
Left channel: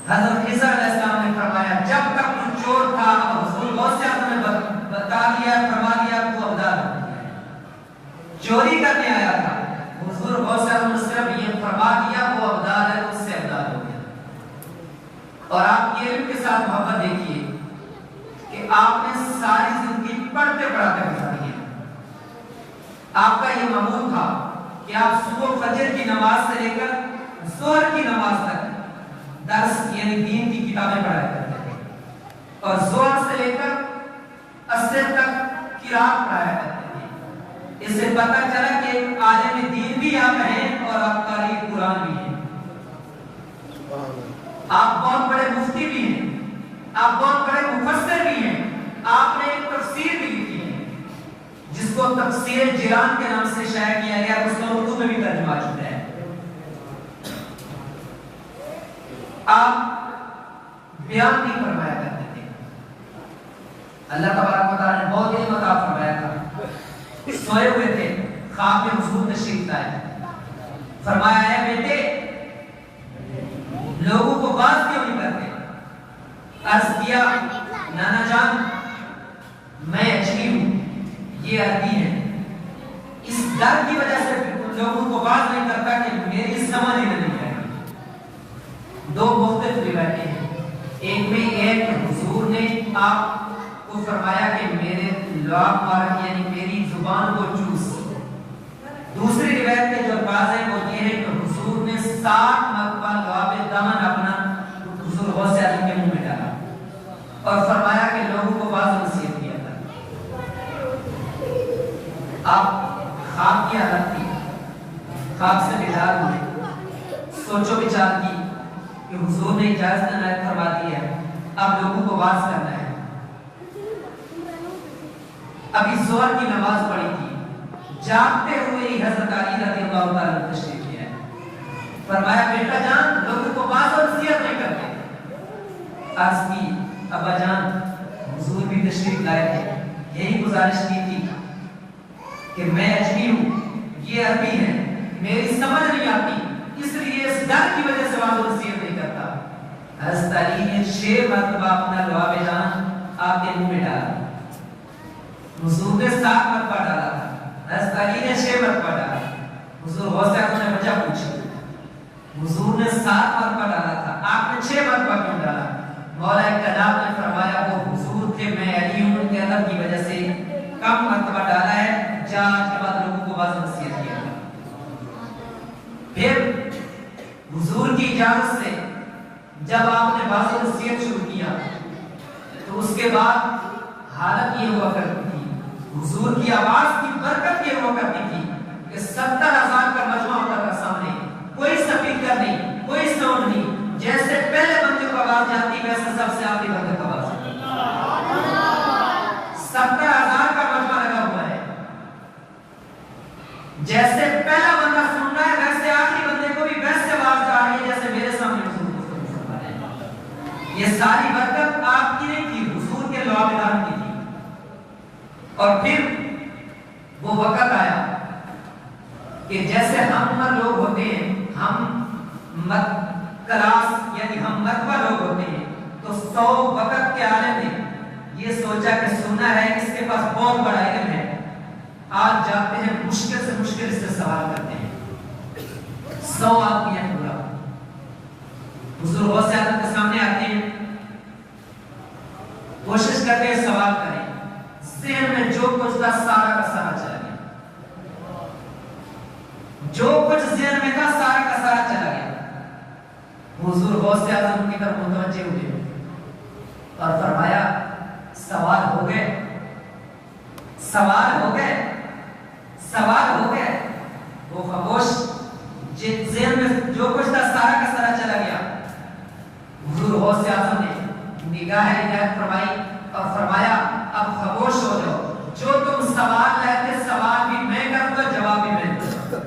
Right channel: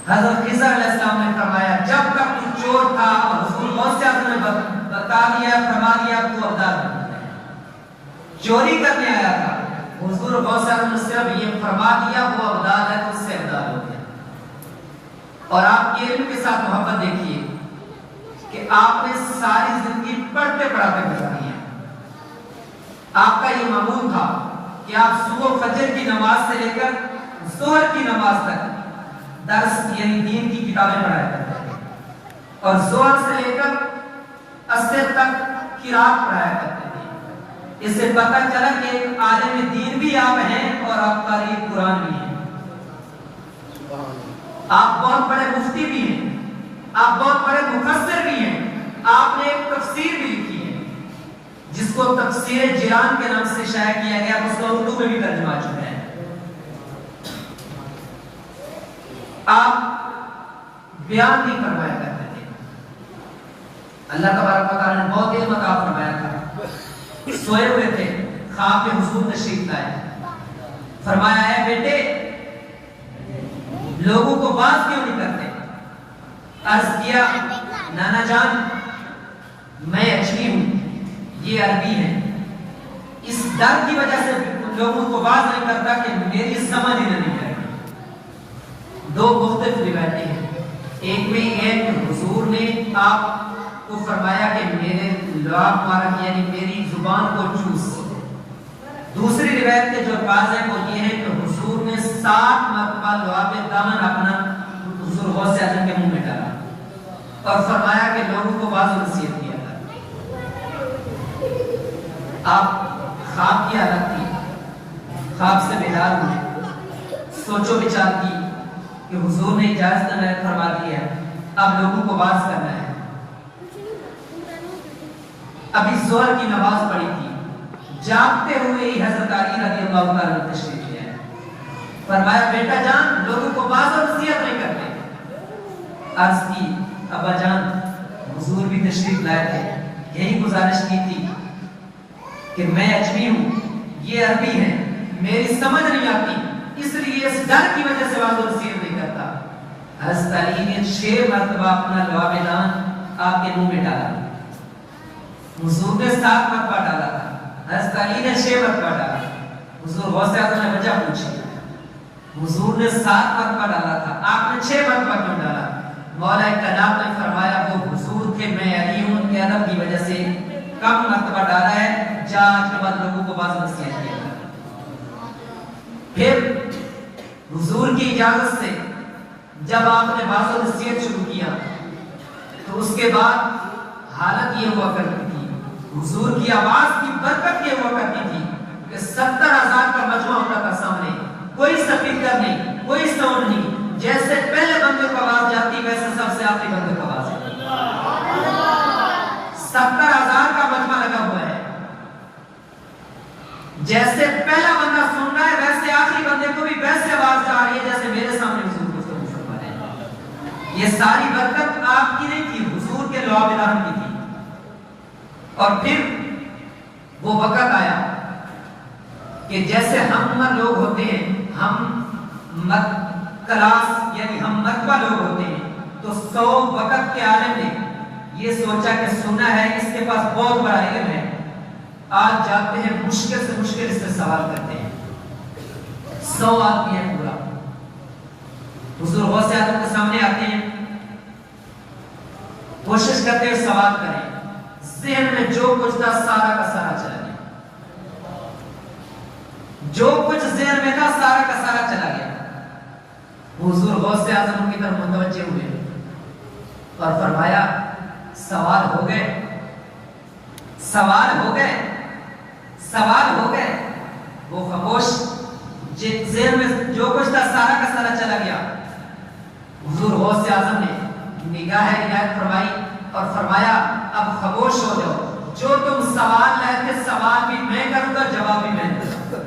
حضرت خضر علیہ السلام نے فرمایا جب تک تو چور تھا، حضور غوث اعظم نے بتا دیا، فرما دیا تو ابدال ہو. چوری کرنے آیا تھا، حضور غوث اعظم نے صرف یہ فرما دیا وہ ابدال ہے تو اس سے ابدال ہو گیا. اور آپ کے علم کے ساتھ محبت دیکھیے کہ آپ نے ساری زندگی پڑھتے پڑھاتے گزاری ہے. آپ کا یہ معمول تھا کہ آپ صبح فجر کی نماز سے لے کر ظہر کی نماز تک درس یعنی دین کی کتابیں پڑھایا کرتے تھے، اور ظہر سے لے کر عصر تک قرات پڑھایا کرتے تھے. اس سے پتہ چلا کہ عالم دین بھی آپ ہیں اور آپ قاری قرآن بھی ہیں. آپ بہت بڑے مفتی بھی ہیں، آپ بہت بڑے مفسر بھی ہیں. آپ نے ایک تفسیر بھی لکھی ہے جس کو تفسیر جیلان کے نام سے شائع کیا گیا، اس کو اردو میں بھی ترجمہ ہو چکا ہے. آپ بیان نہیں فرمایا کرتے تھے. اللہ تبارک و تعالیٰ نے بہت علم عطا فرمایا تھا. سوئے ہوئے تھے، خواب میں حضور تشریف لائے. فرمایا ہے بیٹے لوگوں کو بات کیوں نہیں کرتے؟ عرض کیا نانا جان میں اجمی ہوں، یہ عربی ہے، اس ڈر کی وجہ سے لوگوں کو بات نہیں کرتا کہ میری سمجھ ہی نہیں ہے. دو مختلف روایتیں ہیں. ایک میں ایک حضور نے آپ کو فرمایا کہ میرے لعاب مارک یعنی میری زبان کو چوس. دوسری روایت کے جو الفاظ ہیں وہ یہ ہے کہ حضور نے 60 مرتبہ لعاب دہن اپنا حضور غوث اعظم کے منہ میں ڈالا اور فرمایا کہ لوگوں کو واضح نصیحت کیا تھا. آپ خواب کی حالت تھی، خواب سے بیدار ہوئے، سوچو بچار کی کہ حضور نے اجازت عنایت فرما دی ہے، اب لوگوں کو واعظ کرنا ہے. ابھی ظہر کی نماز پڑھی تھی، جاگتے ہوئے ہی حضرت علی رضی اللہ تعالیٰ عنہ تشریف لے آئے. فرمایا بیٹا جان لوگوں کو واعظ اور نصیحت نہیں کرتے. عرض کی ابا جان حضور بھی تشریف لائے تھے، یہی گزارش کی تھی کہ میں اجمی ہوں، یہ عربی ہے، میری سمجھ نہیں آتی، اس لیے اس ڈر کی وجہ سے واضح نصیحت نہیں کرتا. حضرت علی نے 6 مرتبہ اپنا لعاب دہن آپ کے منہ میں ڈالا. حضور نے 7 مرتبہ ڈالا تھا، حضرت علی نے 6 مرتبہ ڈالا. حضور غوث اعظم نے وجہ پوچھی، حضور نے 7 مرتبہ ڈالا تھا، آپ نے 6 مرتبہ کیوں ڈالا؟ مولا کائنات نے فرمایا وہ حضور تھے، میں علی ہوں، ان کے ادب کی وجہ سے کم مرتبہ ڈالا ہے، جان کے بعد لوگوں کو واضح نصیحت کیا. پھر حضور کی اجازت سے جب آپ نے واضح نصیحت شروع کیا تو اس کے بعد حالت یہ ہوا کرتی تھی، حضور کی آواز کی برکت یہ ہوا کرتی تھی کہ 70,000 کا مجمع ہوتا تھا سامنے، کوئی سپیکر نہیں، جیسے پہلا بندہ سن رہا ہے ویسے آخری بندے کو بھی ویسے آواز آ رہی ہے جیسے میرے سامنے حضور کو سن رہا ہے. یہ ساری برکت آپ کی نہیں تھی، حضور کے لواب رحم کی تھی. اور پھر وہ وقت آیا کہ جیسے ہم لوگ ہوتے ہیں، ہم کلاس یعنی ہم مرتبہ لوگ ہوتے ہیں، تو 100 وقت کے عالم نے یہ سوچا کہ سننا ہے اس کے پاس بہت بڑا علم ہے، آج جاتے ہیں مشکل سے مشکل اس سے سوال کرتے ہیں. 100 آدمی ہے پورا، حضور غوث اعظم کے سامنے آتے ہیں، کوشش کرتے ہیں سوال کریں، ذہن میں جو کچھ تھا سارا کا سارا چلا گیا، جو کچھ ذہن میں تھا سارا کا سارا چلا گیا. حضور غوث اعظم کی طرف متوجہ ہوئے اور فرمایا سوال ہو گئے، سوال ہو گئے، سوال ہو گئے. وہ خاموش، ذہن میں جو کچھ تھا سارا کا سارا چلا گیا. حضور غوث اعظم نے نگاہ عنایت فرمائی اور فرمایا اب خاموش ہو جاؤ، جو تم سوال لیتے سوال بھی میں کروں گا، جواب بھی میں دوں گا.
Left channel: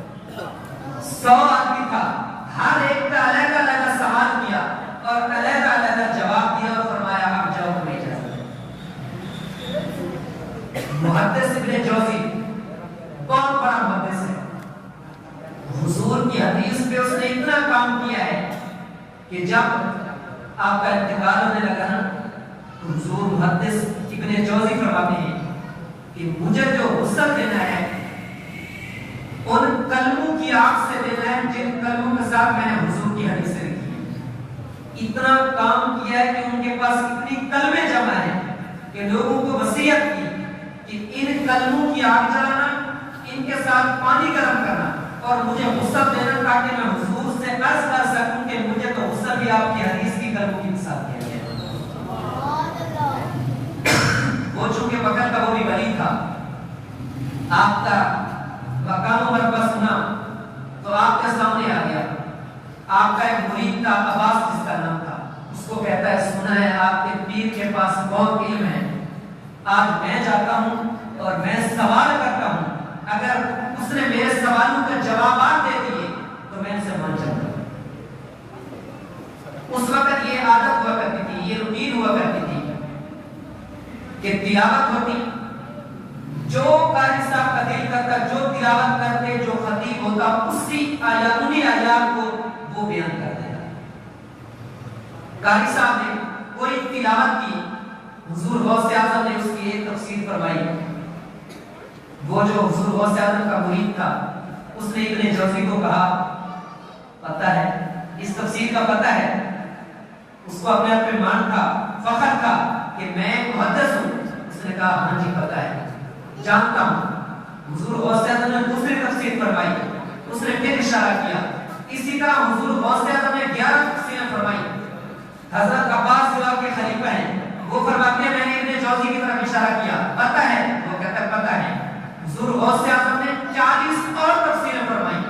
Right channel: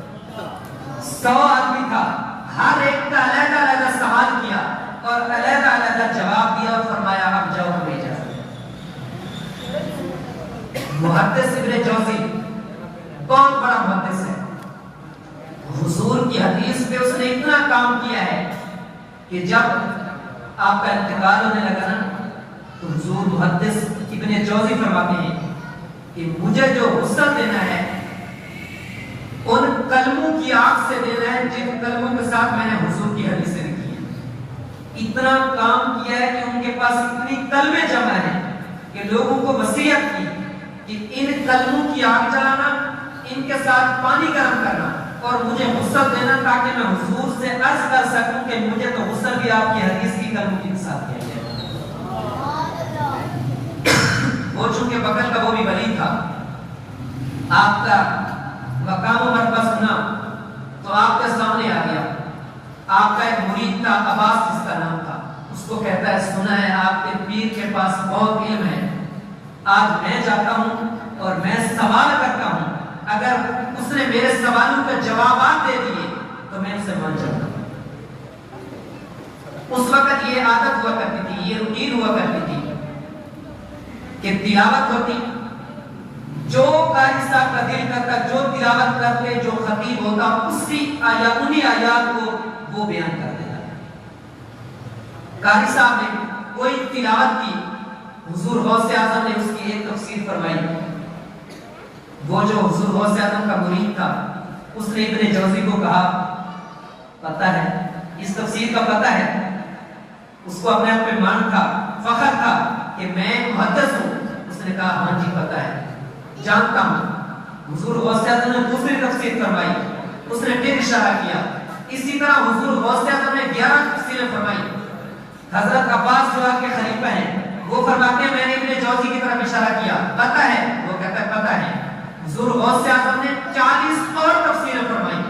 100 آدمی تھا، ہر ایک کا علیحدہ علیحدہ سوال کیا اور علیحدہ علیحدہ جواب دیا اور فرمایا اب جاؤ لے جاؤ. محدث ابن جوزی بہت بڑا محدث ہے، حضور کی حدیث پہ اس نے اتنا کام کیا ہے کہ جب آپ کا انتقال ہونے لگا نا تو حضور محدث ابن جوزی فرماتے ہیں کہ مجھے جو غسل دینا ہے ان کلموں کی آنکھ سے دینا ہے جن کلموں کے ساتھ میں نے حضور کی حدیثیں لکھی ہیں. اتنا کام کیا ہے کہ ان کے پاس اتنی کلمیں جمع ہیں کہ لوگوں کو وصیت کی کہ ان کلموں کی آگ جلانا، ان کے ساتھ پانی گرم کرنا اور مجھے غسل دینا تاکہ میں حضور سے عرض کر سکوں کہ مجھے تو غسل بھی آپ کی حدیث کی کلموں کے ساتھ دیا گیا. وہ چونکہ بغل کا وہ بھی ولی تھا، آپ کا مقام و مرتبہ سنا تو آپ کے سامنے آ گیا. آپ کا ایک مرید تھا عباس جس کا نام تھا، اس کو کہتا ہے سنا ہے آپ کے پیر کے پاس بہت علم ہے، آج میں جاتا ہوں اور میں سوال کرتا ہوں، اگر اس نے میرے سوالوں کے جوابات دے دیے تو میں اسے مان جاؤں گا. اس وقت یہ عادت ہوا کرتی تھی، یہ روٹین ہوا کرتی تھی کہ تلاوت ہوتی، جو قاری صاحب کا دل کرتا، جو تلاوت کرتے، جو خطیب ہوتا اسی آیات انہی آیات کو وہ بیان کر دیتا. قاری صاحب نے کوئی تلاوت کی، حضور غوث اعظم نے اس کی ایک تفسیر فرمائی. وہ جو حضور غوث اعظم کا مرید تھا اس نے ابن جوزی کو کہا پتہ ہے اس تفسیر کا پتہ ہے؟ اس کو اپنے آپ میں مان تھا، فخر تھا کہ میں محدث ہوں. اس نے کہا ہاں جی پتہ ہے، جانتا ہوں. حضور غوث اعظم نے دوسری تفسیر فرمائی، اس نے پھر اشارہ کیا. اسی طرح حضور غوث اعظم نے 11 تفسیریں فرمائی. حضرت عباس جو کے خلیفہ ہیں وہ فرماتے ہیں میں نے ابن جوزی کی طرف اشارہ کیا، پتہ ہے؟ وہ کہتا ہے پتہ ہے. حضور غوث اعظم نے 40 اور تفسیریں فرمائی.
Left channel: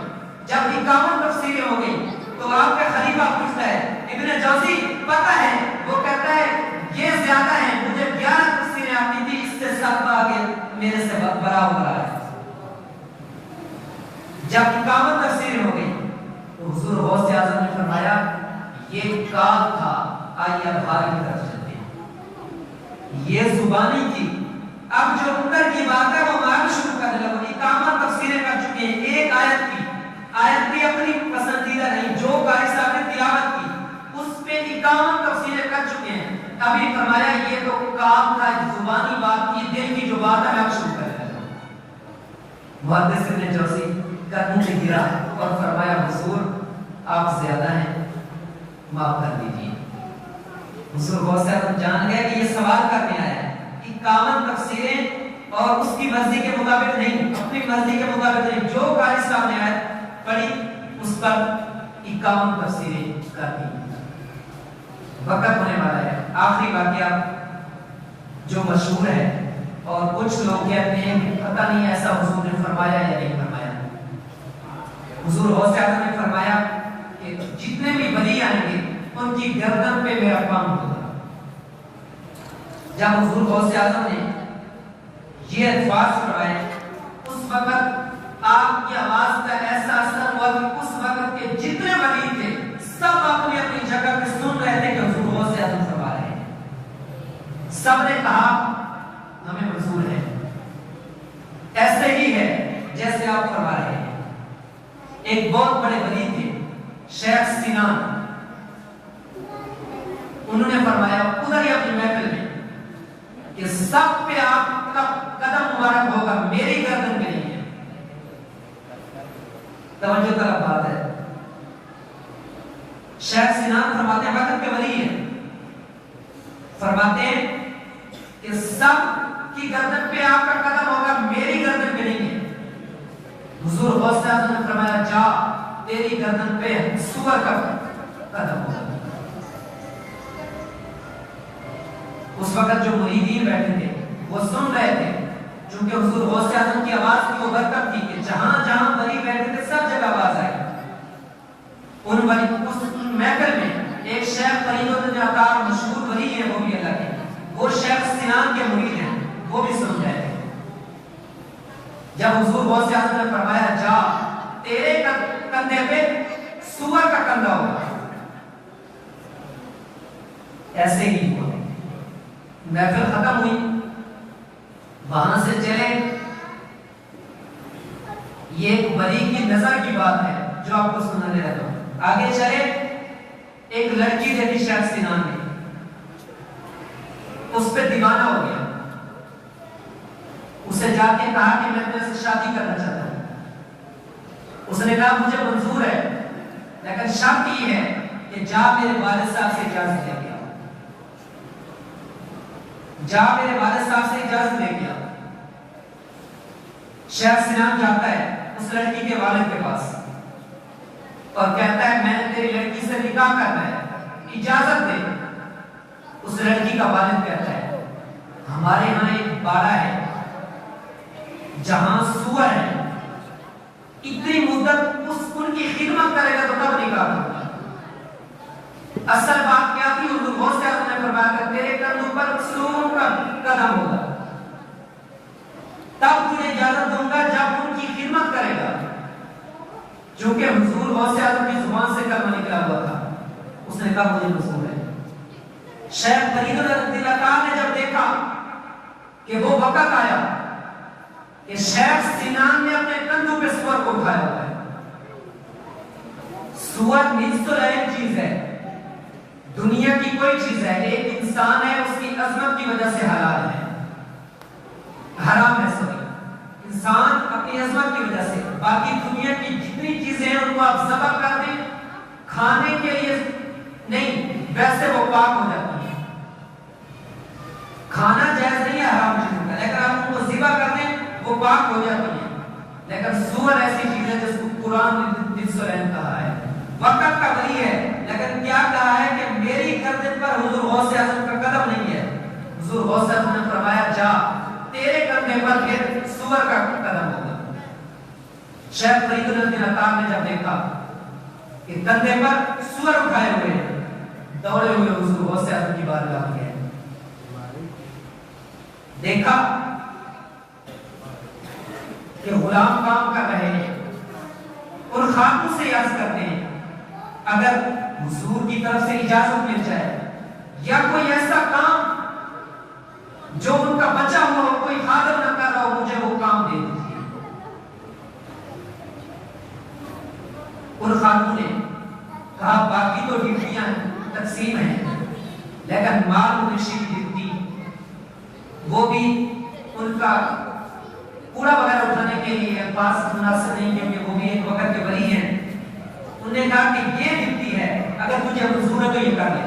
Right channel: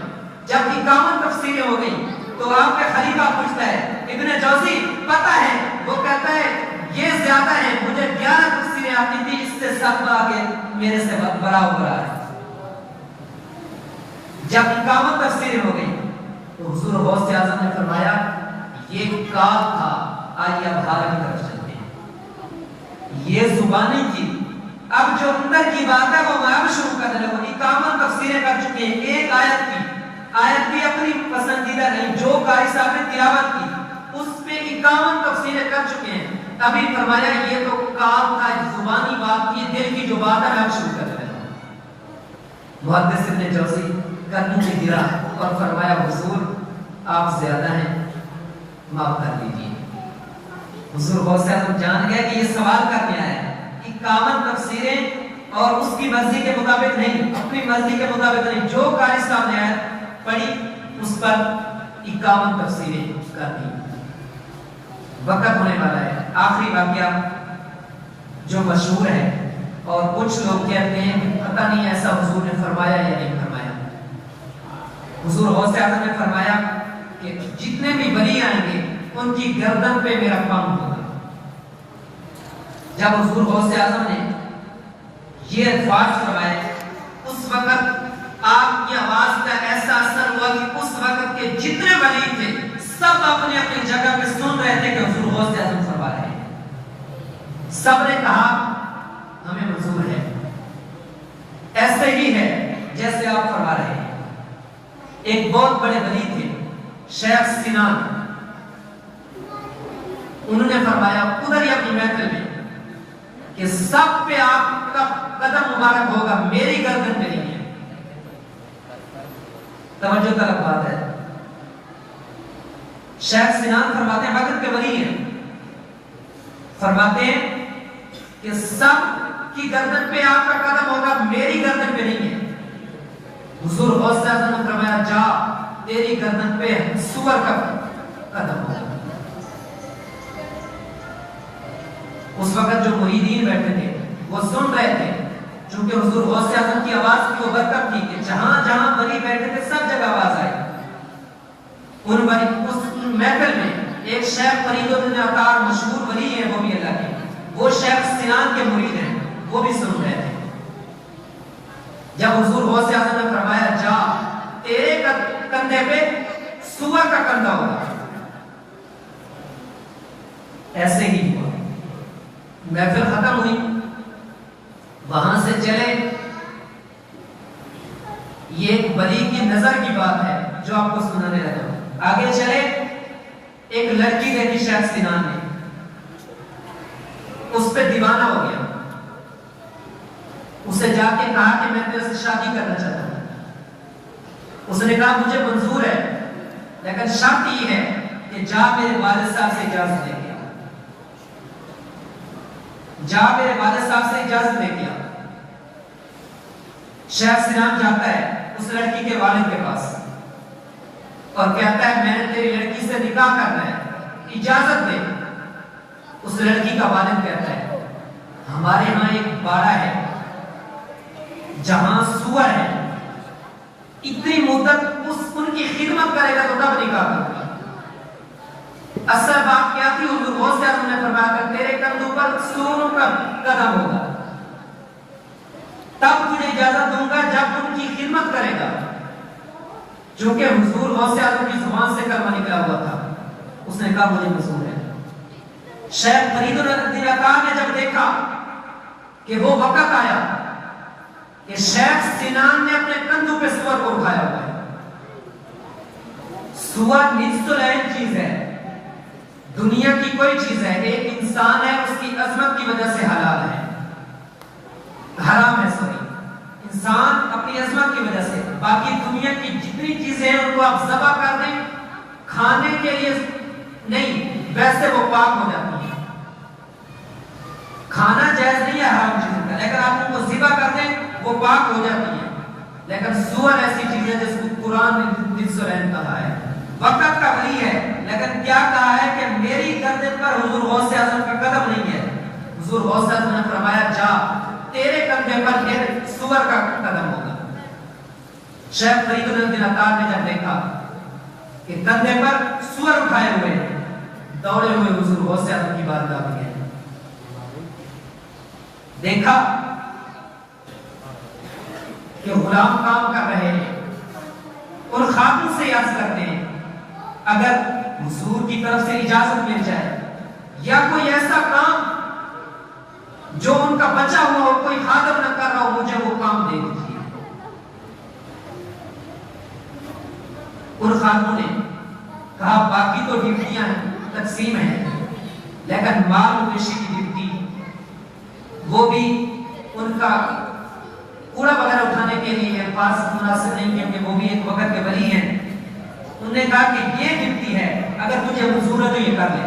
جب 51 تفسیریں ہو گئی تو آپ کا خلیفہ پوچھتا ہے ابن جوزی پتہ ہے؟ وہ کہتا ہے یہ زیادہ ہے، مجھے 11 تفسیریں آتی تھی، اس سے 7 آگے میرے سے بڑا ہو رہا ہے. جب 51 تفسیریں ہو گئی تو حضور غوث اعظم نے فرمایا یہ کال تھا، آئیے اب حال کی طرف چلتے ہیں. یہ زبانی تھی، اب جو اندر کی بات ہے وہ معلوم شروع کرنے لگا. 51 تفسیریں کر چکے ہیں، ایک آیت کی اپنی پسندیدہ نہیں، جو قاری صاحب نے تلاوت کی اس پہ 51 تفسیریں کر چکے ہیں. ابھی فرمایا یہ تو کام کا زبانی بات کی، دل کی جو بات ہے اب شروع کرنے لگا. محدث ابن جوزی قدموں پہ گرا اور فرمایا حضور آپ زیادہ ہیں، معاف کر دیجیے. حضور غوث اعظم جان گیا کہ یہ سوال کرنے آیا ہے. 51 تفسیریں اور اس کی مرضی کے مطابق نہیں، اپنی مرضی کے مطابق نہیں، جو قاری صاحب نے آیت پڑھی اس پر 51 تفسیریں کر دی. وقت ہونے والا ہے. آخری واقعہ جو مشہور ہے اور کچھ لوگ کہتے ہیں پتہ نہیں ایسا حضور نے فرمایا یا نہیں فرمایا. حضور غوث اعظم نے فرمایا کہ جتنے بھی ولی آئیں گے ان کی گردن پہ میرا پاؤں ہوگا. جب حضور غوث اعظم نے یہ الفاظ فرمائے اس وقت آپ آپ کی آواز کا ایسا اثر ہوا کہ اس وقت کے جتنے ولی تھے سب اپنی اپنی جگہ پہ سن رہے تھے کہ حضور غوث اعظم فرما رہے ہیں. سب نے کہا ہمیں منظور ہے، ایسے ہی ہے جیسے آپ فرما رہے ہیں. ایک بہت بڑے ولی تھے شیخ سنان، انہوں نے فرمایا ادھر ہی اپنی محفل میں کہ سب پہ آپ کا قدم مبارک ہوگا، میری گردن پہ نہیں ہے. توجہ طلب بات ہے. شیخ سنان فرماتے ہیں حضرت کے ولی ہیں، فرماتے ہیں کہ سب کی گردن پہ آپ کا قدم ہوگا، میری گردن پہ نہیں ہے. حضور غوث اعظم نے فرمایا جا تیری گردن پہ سور کا قدم ہوگا. اس وقت جو مریدین بیٹھے تھے وہ سن رہے تھے، چونکہ حضور غوث اعظم کی آواز کی وہ برکت تھی کہ جہاں جہاں ولی بیٹھے تھے سب جگہ آواز آئی. ان ولی اس محفل میں ایک شیخ فرید الدین عطار مشہور ولی ہیں، وہ بھی اللہ کے، وہ شیخ سنان کے مرید ہیں، وہ بھی سن رہے تھے. جب حضور غوث اعظم نے فرمایا جا تیرے کندھے پہ سور کا کندھا ہوگا، ایسے ہی ہوا. محفل ختم ہوئی، وہاں سے چلے. یہ ایک ولی کی نظر کی بات ہے جو آپ کو سنانے رہتا ہوں. آگے چلے، ایک لڑکی دیکھی شیخ سنان نے، اس پہ دیوانہ ہو گیا. اسے جا کے کہا کہ میں تیرے سے شادی کرنا چاہتا ہوں. اس نے کہا مجھے منظور ہے، لیکن شرط یہ ہے کہ جا میرے والد صاحب سے اجازت لے کے آ. جا میرے والد صاحب سے اجازت لے کے آ. شیخ سنان جاتا ہے اس لڑکی کے والد کے پاس اور کہتا ہے میں نے تیری لڑکی سے نکاح کرنا ہے، اجازت دے. اس لڑکی کا والد کہتا ہے ہمارے ہاں ایک باڑہ ہے جہاں سور ہے، اتنی مدت ان کی خدمت کرے گا تو تب نکاح کرے گا. اصل بات کیا تھی؟ حضور غوث اعظم نے فرمایا کہ تیرے کندھوں پر سوروں کا قدم ہوگا، تب تجھے اجازت دوں گا جب ان کی خدمت کرے گا. چونکہ حضور غوث اعظم کی زبان سے کلمہ نکلا ہوا تھا، اس نے کہا مجھے منظور ہے. شیخ فرید الدین عطار نے جب دیکھا کہ وہ وقت آیا کہ شیخ سنان نے اپنے کندھوں پہ سور کو اٹھایا ہوا ہے. سور نجس العین چیز ہے، دنیا کی کوئی چیز ہے، ایک انسان ہے اس کی عظمت کی وجہ سے حلال ہے، حرام ہے. سوری انسان اپنی عظمت کی وجہ سے، باقی دنیا کی جتنی چیزیں ہیں ان کو آپ ذبح کر دیں کھانے کے لیے نہیں، ویسے وہ پاک ہو جاتی ہیں. کھانا جائز نہیں ہے حرام چیز کا، لیکن آپ ان کو ذبح کر دیں وہ پاک ہو جاتی ہیں. لیکن سور ایسی چیز ہے جس کو قرآن نے نجس العین کہا ہے. وقت کا ولی ہے لیکن کیا کہا ہے کہ میری گردن پر حضور غوث اعظم کا قدم نہیں ہے. حضور غوث اعظم نے فرمایا جا تیرے کندھے پر یہ سور کا قدم ہوگا. شیخ فرید الدین عطار نے جب دیکھا کہ کندھے پر سور اٹھائے ہوئے دوڑے ہوئے حضور غوث اعظم کی بارگاہ میں گئے، دیکھا کہ غلام کام کر رہے ہیں اور خاتون سے عرض کرتے ہیں اگر حضور کی طرف سے اجازت مل جائے یا کوئی ایسا کام جو ان کا بچا ہوا ہو، کوئی حاضر نہ کر رہا ہو، مجھے وہ کام دے دیجیے. اور خاتون نے کہا باقی تو ڈیوٹیاں تقسیم ہیں لیکن مال مویشی کی ڈیوٹی وہ بھی ان کا کوڑا وغیرہ اٹھانے کے لیے پاس مناسب نہیں، کیونکہ وہ بھی ایک وقت کے ولی ہیں. انہوں نے کہا کہ یہ ڈیوٹی ہے، اگر تجھے منظور ہے تو یہ کر لے.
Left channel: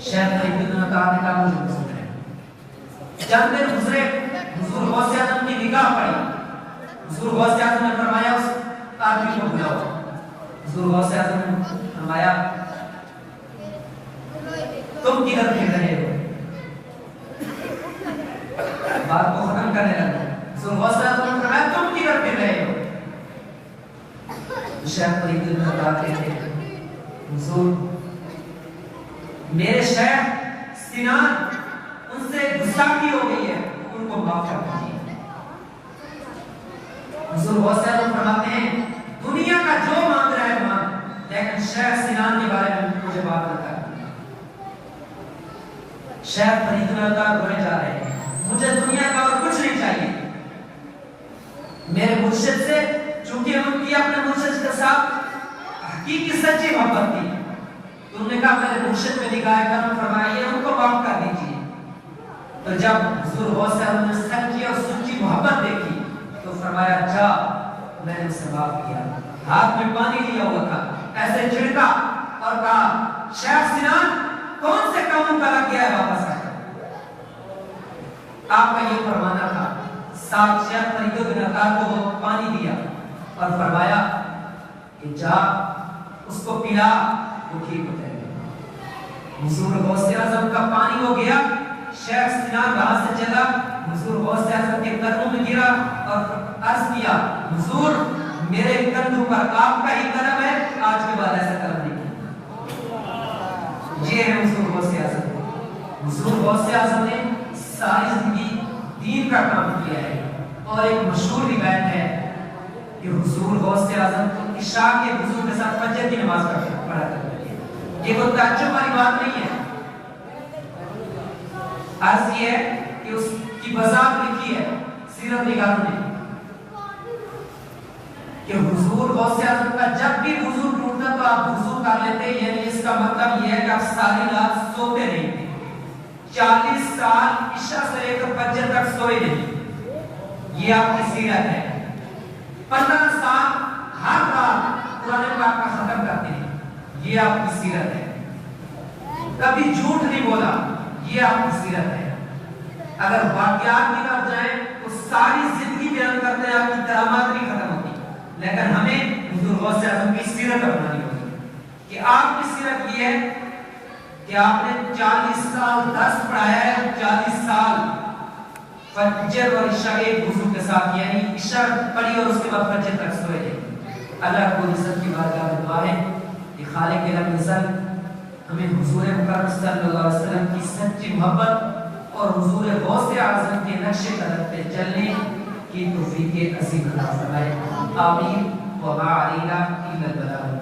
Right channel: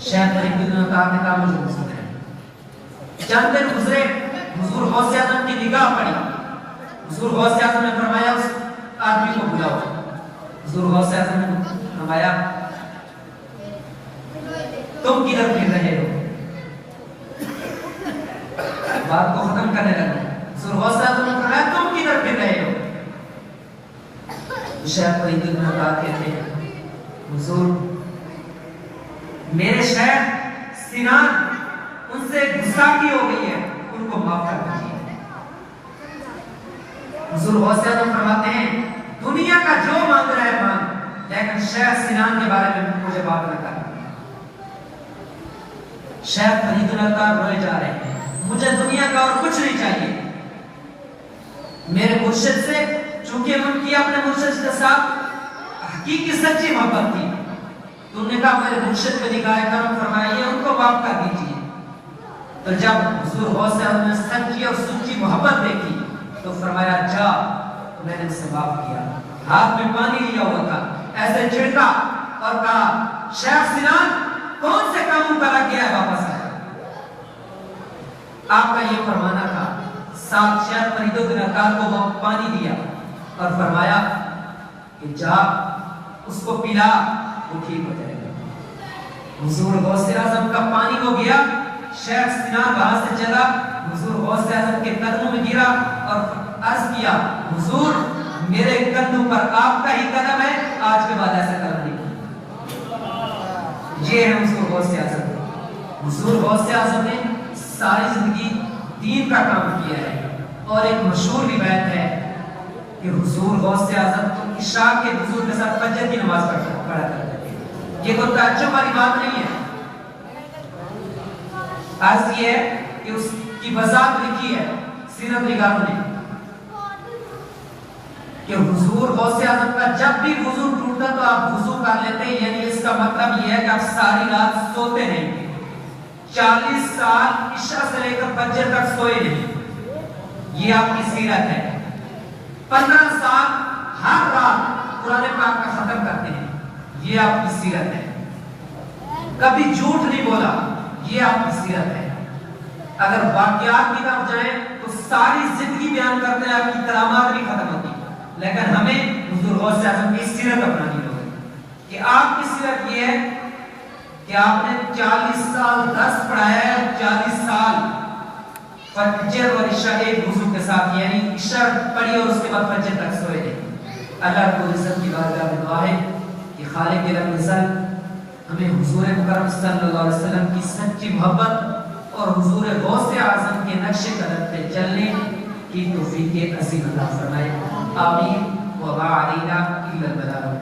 شیخ فرید الدین عطار نے کہا مجھے منظور ہے. چند دن گزرے، حضور غوث اعظم کی نگاہ پڑی. حضور غوث اعظم نے فرمایا اس آدمی کو بلاؤ. حضور غوث اعظم نے فرمایا تم کدھر پھر رہے ہو؟ بات کو ختم کرنے لگا. حضور غوث اعظم نے فرمایا تم کدھر پھر رہے ہو؟ شیخ فرید الدین عطار کہتے ہیں حضور میرے شیخ سنان ان سے گستاخی ہو گئی ہے، ان کو معاف کر دیجیے. حضور غوث اعظم فرماتے ہیں دنیا کا جو مانگ رہا ہے مانگ، لیکن شیخ سنان کے بارے میں مجھے بات نہ کر۔ شیخ فرید الاتار روئے جا رہے ہیں، مجھے دنیا کا اور کچھ نہیں چاہیے، میرے مرشد سے، چونکہ ان کی اپنے مرشد کے ساتھ حقیقی سچی محبت تھی، تو انہوں نے کہا میرے مرشد پہ نگاہ کرم فرمائیے، ان کو معاف کر دیجیے۔ تو جب حضور غوث اعظم نے سچی اور سچی محبت دیکھی تو فرمایا جا، میں نے اسے معاف کیا۔ ہاتھ میں پانی لیا ہوا تھا، ایسے چھڑکا اور کہا شیخ سنان کون سے کاموں کرا کیا ہے واپس آ۔ آپ کا یہ فرمانا تھا۔ ساتھ شیخ فرید الاتار کو وہ پانی دیا اور فرمایا کہ جا اس کو پلا، وہ ٹھیک ہو جائے گا۔ حضور غوث اعظم کا پانی ہو گیا، شیخ سنان وہاں سے چلا، حضور غوث اعظم کے قدموں میں گرا اور عرض کیا حضور میرے قدموں پر آپ کا ہی قدم ہے، آج کے بعد ایسا کرنے کی۔ یہ ہے حضور غوث اعظم۔ حضور غوث اعظم نے ساری زندگی دین کا کام کیا ہے، اور ایک مشہور روایت ہے کہ حضور غوث اعظم تو عشاء کے وضو کے ساتھ فجر کی نماز پڑھا کرتے تھے۔ یہ کوئی تعجب والی بات نہیں ہے۔ عرض یہ ہے کہ اس کی وضاحت لکھی ہے سیرت نگاروں نے کہ حضور غوث اعظم کا جب بھی وضو ٹوٹتا تو آپ وضو کر لیتے، یعنی اس کا مطلب یہ ہے کہ آپ ساری رات سوتے نہیں تھے۔ 40 سال عشاء سے لے کر فجر تک سوئے نہیں، یہ آپ کی سیرت ہے۔ 15 سال ہر رات قرآن پاک کا ختم کرتے ہیں، یہ آپ کی سیرت ہے۔ کبھی جھوٹ نہیں بولا، یہ آپ کی سیرت ہے۔ اگر واقعات کی طرف جائیں تو ساری زندگی بیان کرتے ہیں، آپ کی کرامات نہیں ختم ہوتی، لیکن ہمیں حضور غوث اعظم کی سیرت اپنانی ہوگی کہ آپ کی سیرت یہ ہے کہ آپ نے 40 سال درس پڑھایا ہے، 40 سال فجر اور عشاء ایک وضو کے ساتھ، یعنی عشاء پڑھی اور اس کے بعد فجر تک سوئے تھے۔ اللہ رب العزت کی بارگاہ میں دعا ہے کہ خالق رب العزت ہمیں حضور اکرم صلی اللہ علیہ وسلم کی سچی محبت اور حضور غوث اعظم کے نقش قدم پہ چلنے کی توفیق عظیم عطا فرمائے۔ آمین۔ وما علینا الا البلاغ۔